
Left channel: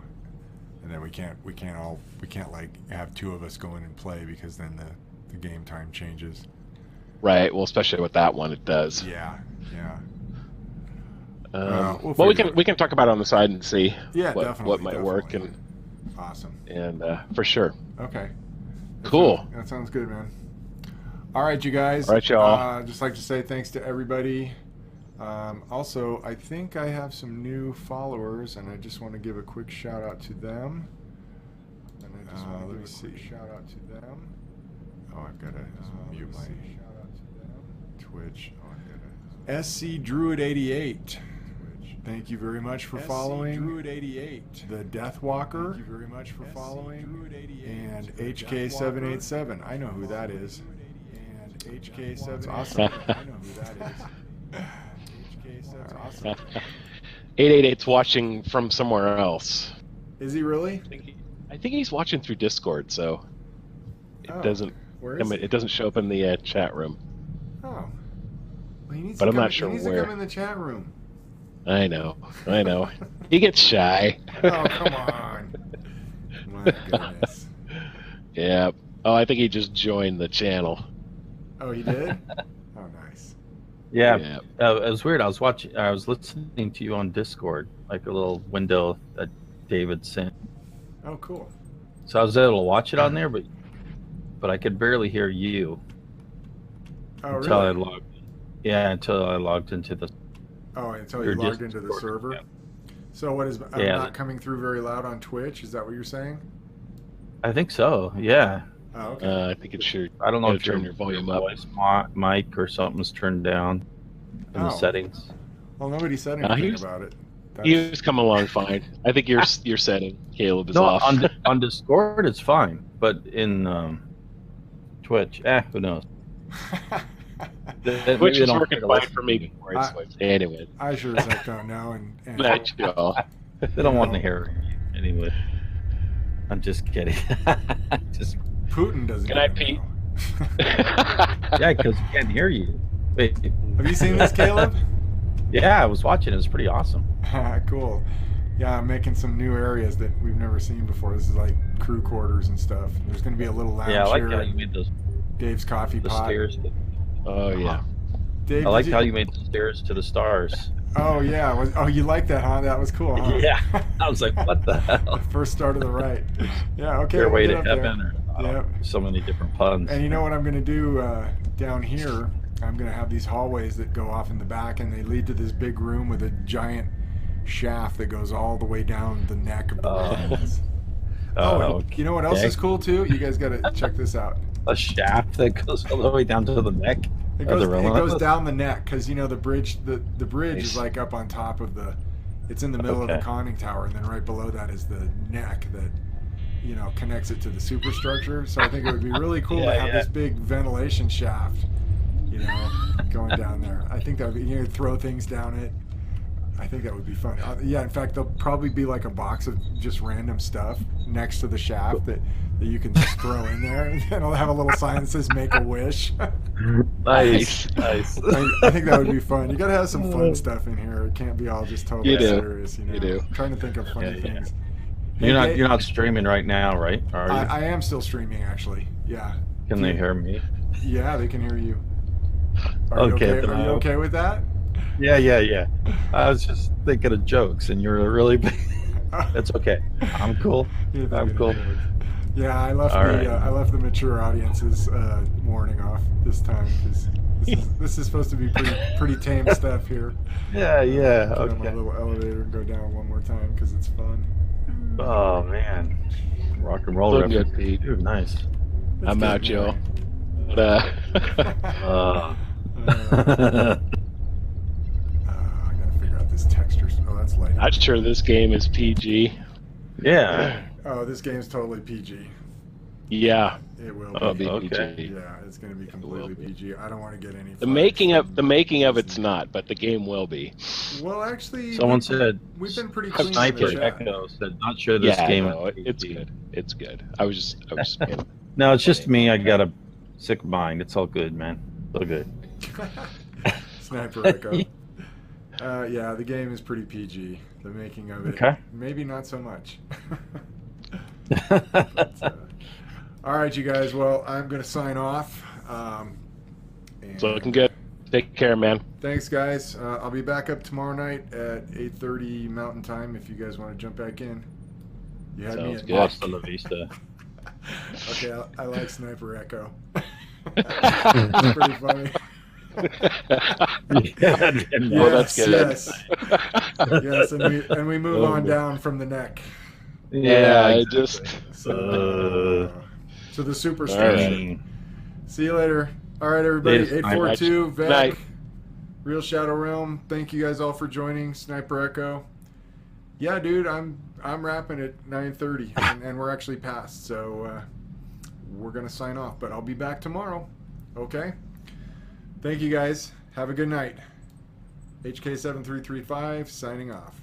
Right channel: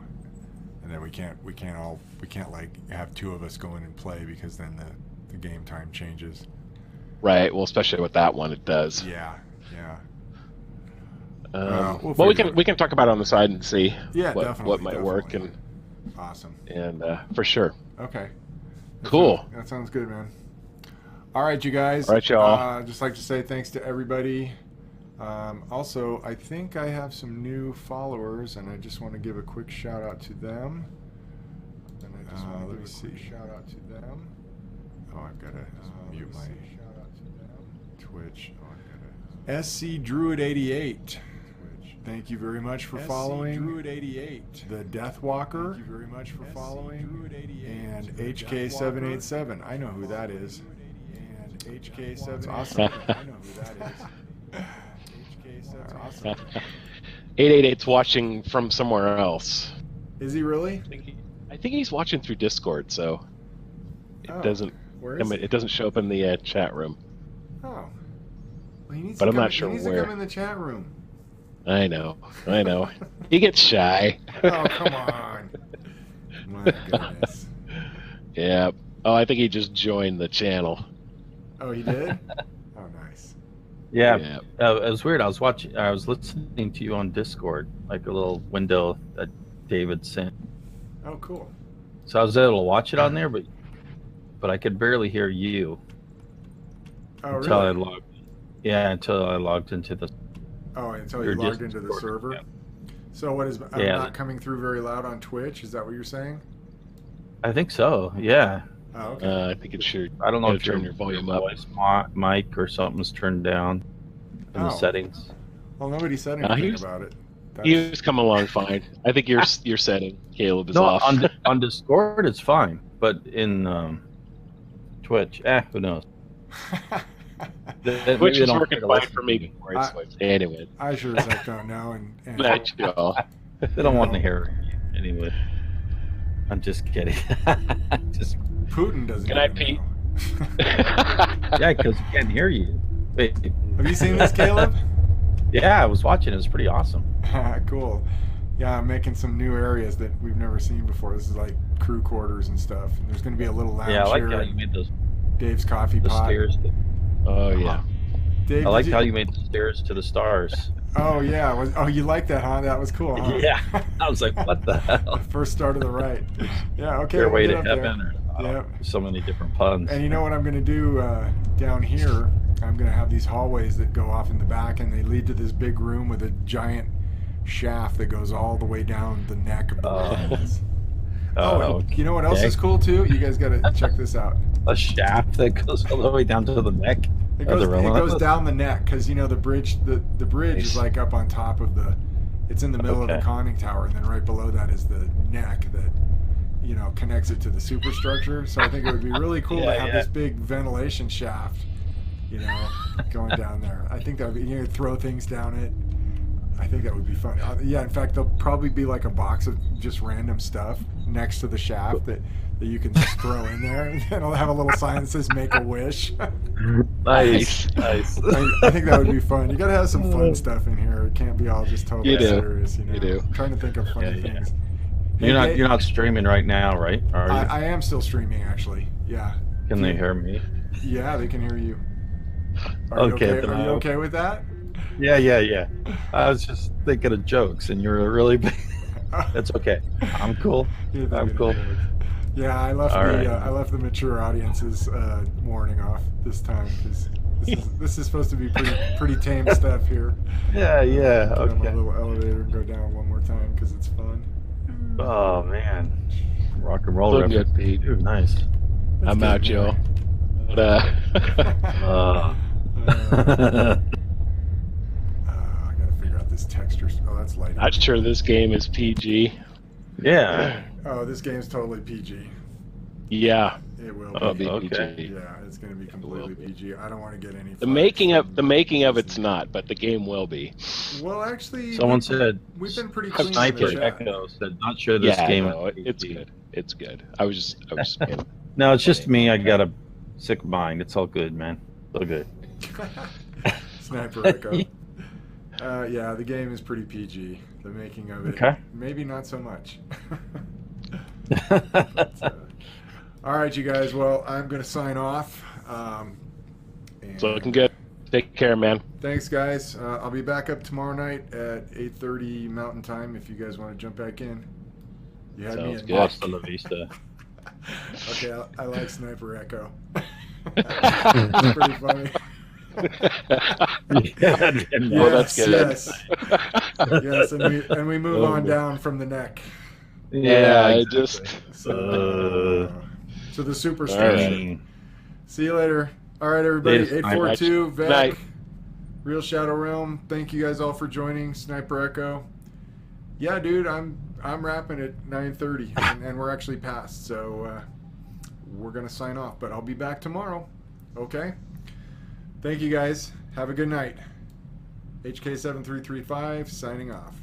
And then we can't like have two of us go in and play, because then the game time changes. Right. Well, especially with that one, it does. Yeah. Well, we can talk about it on the side and see what might work, and awesome. And for sure. Okay. Cool. That sounds good, man. All right, you guys. All right, y'all. Just like to say thanks to everybody. Also, I think I have some new followers, and I just want to give a quick shout out to them. Let me see. Shout out to them. Oh, I've got to mute my Twitch. Oh, I've got to SC Druid 88. Thank you very much for following. Druid 88. The Deathwalker. Thank you very much for following. And HK787. I know who that is. And HK787. I know who that is. HK787. Awesome. 888's watching from somewhere else. Is he really? I think he's watching through Discord, so it doesn't. Where is It doesn't show up in the chat room. Oh. Well, he needs But to I'm come, not sure he needs where. to come in the chat room. I know. He gets shy. Oh, come on. My goodness. Yeah. Oh, I think he just joined the channel. Oh, he did? Oh, nice. Yeah. It was weird. I was listening to you on Discord, like a little window that David sent. Oh, cool. So I was able to watch it on there, but I could barely hear you. Oh, until really? I logged. Yeah, until I logged into the. Oh, until you logged into the server? Yeah. So what is not coming through very loud on Twitch? Is that what you're saying? I think so. Yeah. Oh, okay. I think it should. I don't know if turn your volume up. Voice mic or something's turned down in the settings. Well, nobody said anything about it. He was coming along fine. I think your setting, Caleb, is off. On Discord it's fine, but in Twitch, who knows? Twitch is working fine for me before I switched. Anyway, I sure as heck don't know. And they don't want to hear you anyway. I'm just kidding. Just Putin doesn't. Can I Pete? Yeah, because he can't hear you. Wait. Have you seen this, Caleb? Yeah, I was watching. It was pretty awesome. Cool. Yeah, I'm making some new areas that we've never seen before. This is like crew quarters and stuff. And there's going to be a little lounge I like here. how you made those. Dave's coffee pot. Stairs. Oh yeah. Dave, I like how you made the stairs to the stars. Oh yeah. Oh, you like that, huh? That was cool, huh? Yeah. I was like, what the hell? The first star to the right. Yeah. Okay. Stairway to heaven. Yeah. So many different puns. And you know what I'm going to do down here? I'm going to have these hallways that go off in the back, and they lead to this big room with a giant shaft that goes all the way down the neck of the walls. You know what else is cool too? You guys got to check this out. A shaft that goes all the way down to the neck. It goes down the neck because the bridge is like up on top of it's in the middle of the conning tower, and then right below that is the neck that connects it to the superstructure. So I think it would be really cool to have this big ventilation shaft, going down there. I think that would be throw things down it. I think that would be fun. In fact, there'll probably be like a box of just random stuff next to the shaft that you can just throw in there, and then it'll have a little sign that says "Make a Wish." Nice. I think that would be fun. You got to have some fun stuff in here. It can't be all just totally serious. You do. I'm trying to think of funny things. You're not streaming right now, right? Are you? I am still streaming, actually. Yeah. Can they hear me? Yeah, they can hear you. Are you okay with that? Yeah. I was just thinking of jokes, and you're really big. That's okay. I'm cool. I'm cool. Yeah, I left the mature audience's warning off this time because this is supposed to be pretty tame stuff here. Yeah. Get on my little elevator and go down one more time because it's fun. Oh man, rock and roll reference. Dude, nice. I'm out, Joe. But, I gotta figure out this texture. Oh, that's lighting. I'm sure this game is PG. Yeah. Oh, this game's totally PG. Yeah. It will be PG. Yeah, it's going to be completely PG. I don't want to get any. The making of it's not, but the game will be. Well, actually, someone said we've been pretty clean. Sniper Echo said not sure this game. It's good. It's good. I was. No, it's just me. I got a sick mind. It's all good, man. It's all good. Sniper Echo. Yeah, the game is pretty PG. The making of it, maybe not so much. But, all right, you guys. Well, I'm going to sign off. It's looking good. Take care, man. Thanks, guys. I'll be back up tomorrow night at 8:30 Mountain Time if you guys want to jump back in. You had me at Hasta la vista. Okay, I like Sniper Echo. It's pretty funny. That's good. Yes, and we move on down from the neck. Yeah, so the superstructure. Right. See you later. All right, everybody. 842 Vec, Night. Real Shadow Realm. Thank you guys all for joining. Sniper Echo. Yeah, dude, I'm wrapping at 9:30, and we're actually past, so we're gonna sign off. But I'll be back tomorrow. Okay. Thank you guys. Have a good night. HK7335 signing off.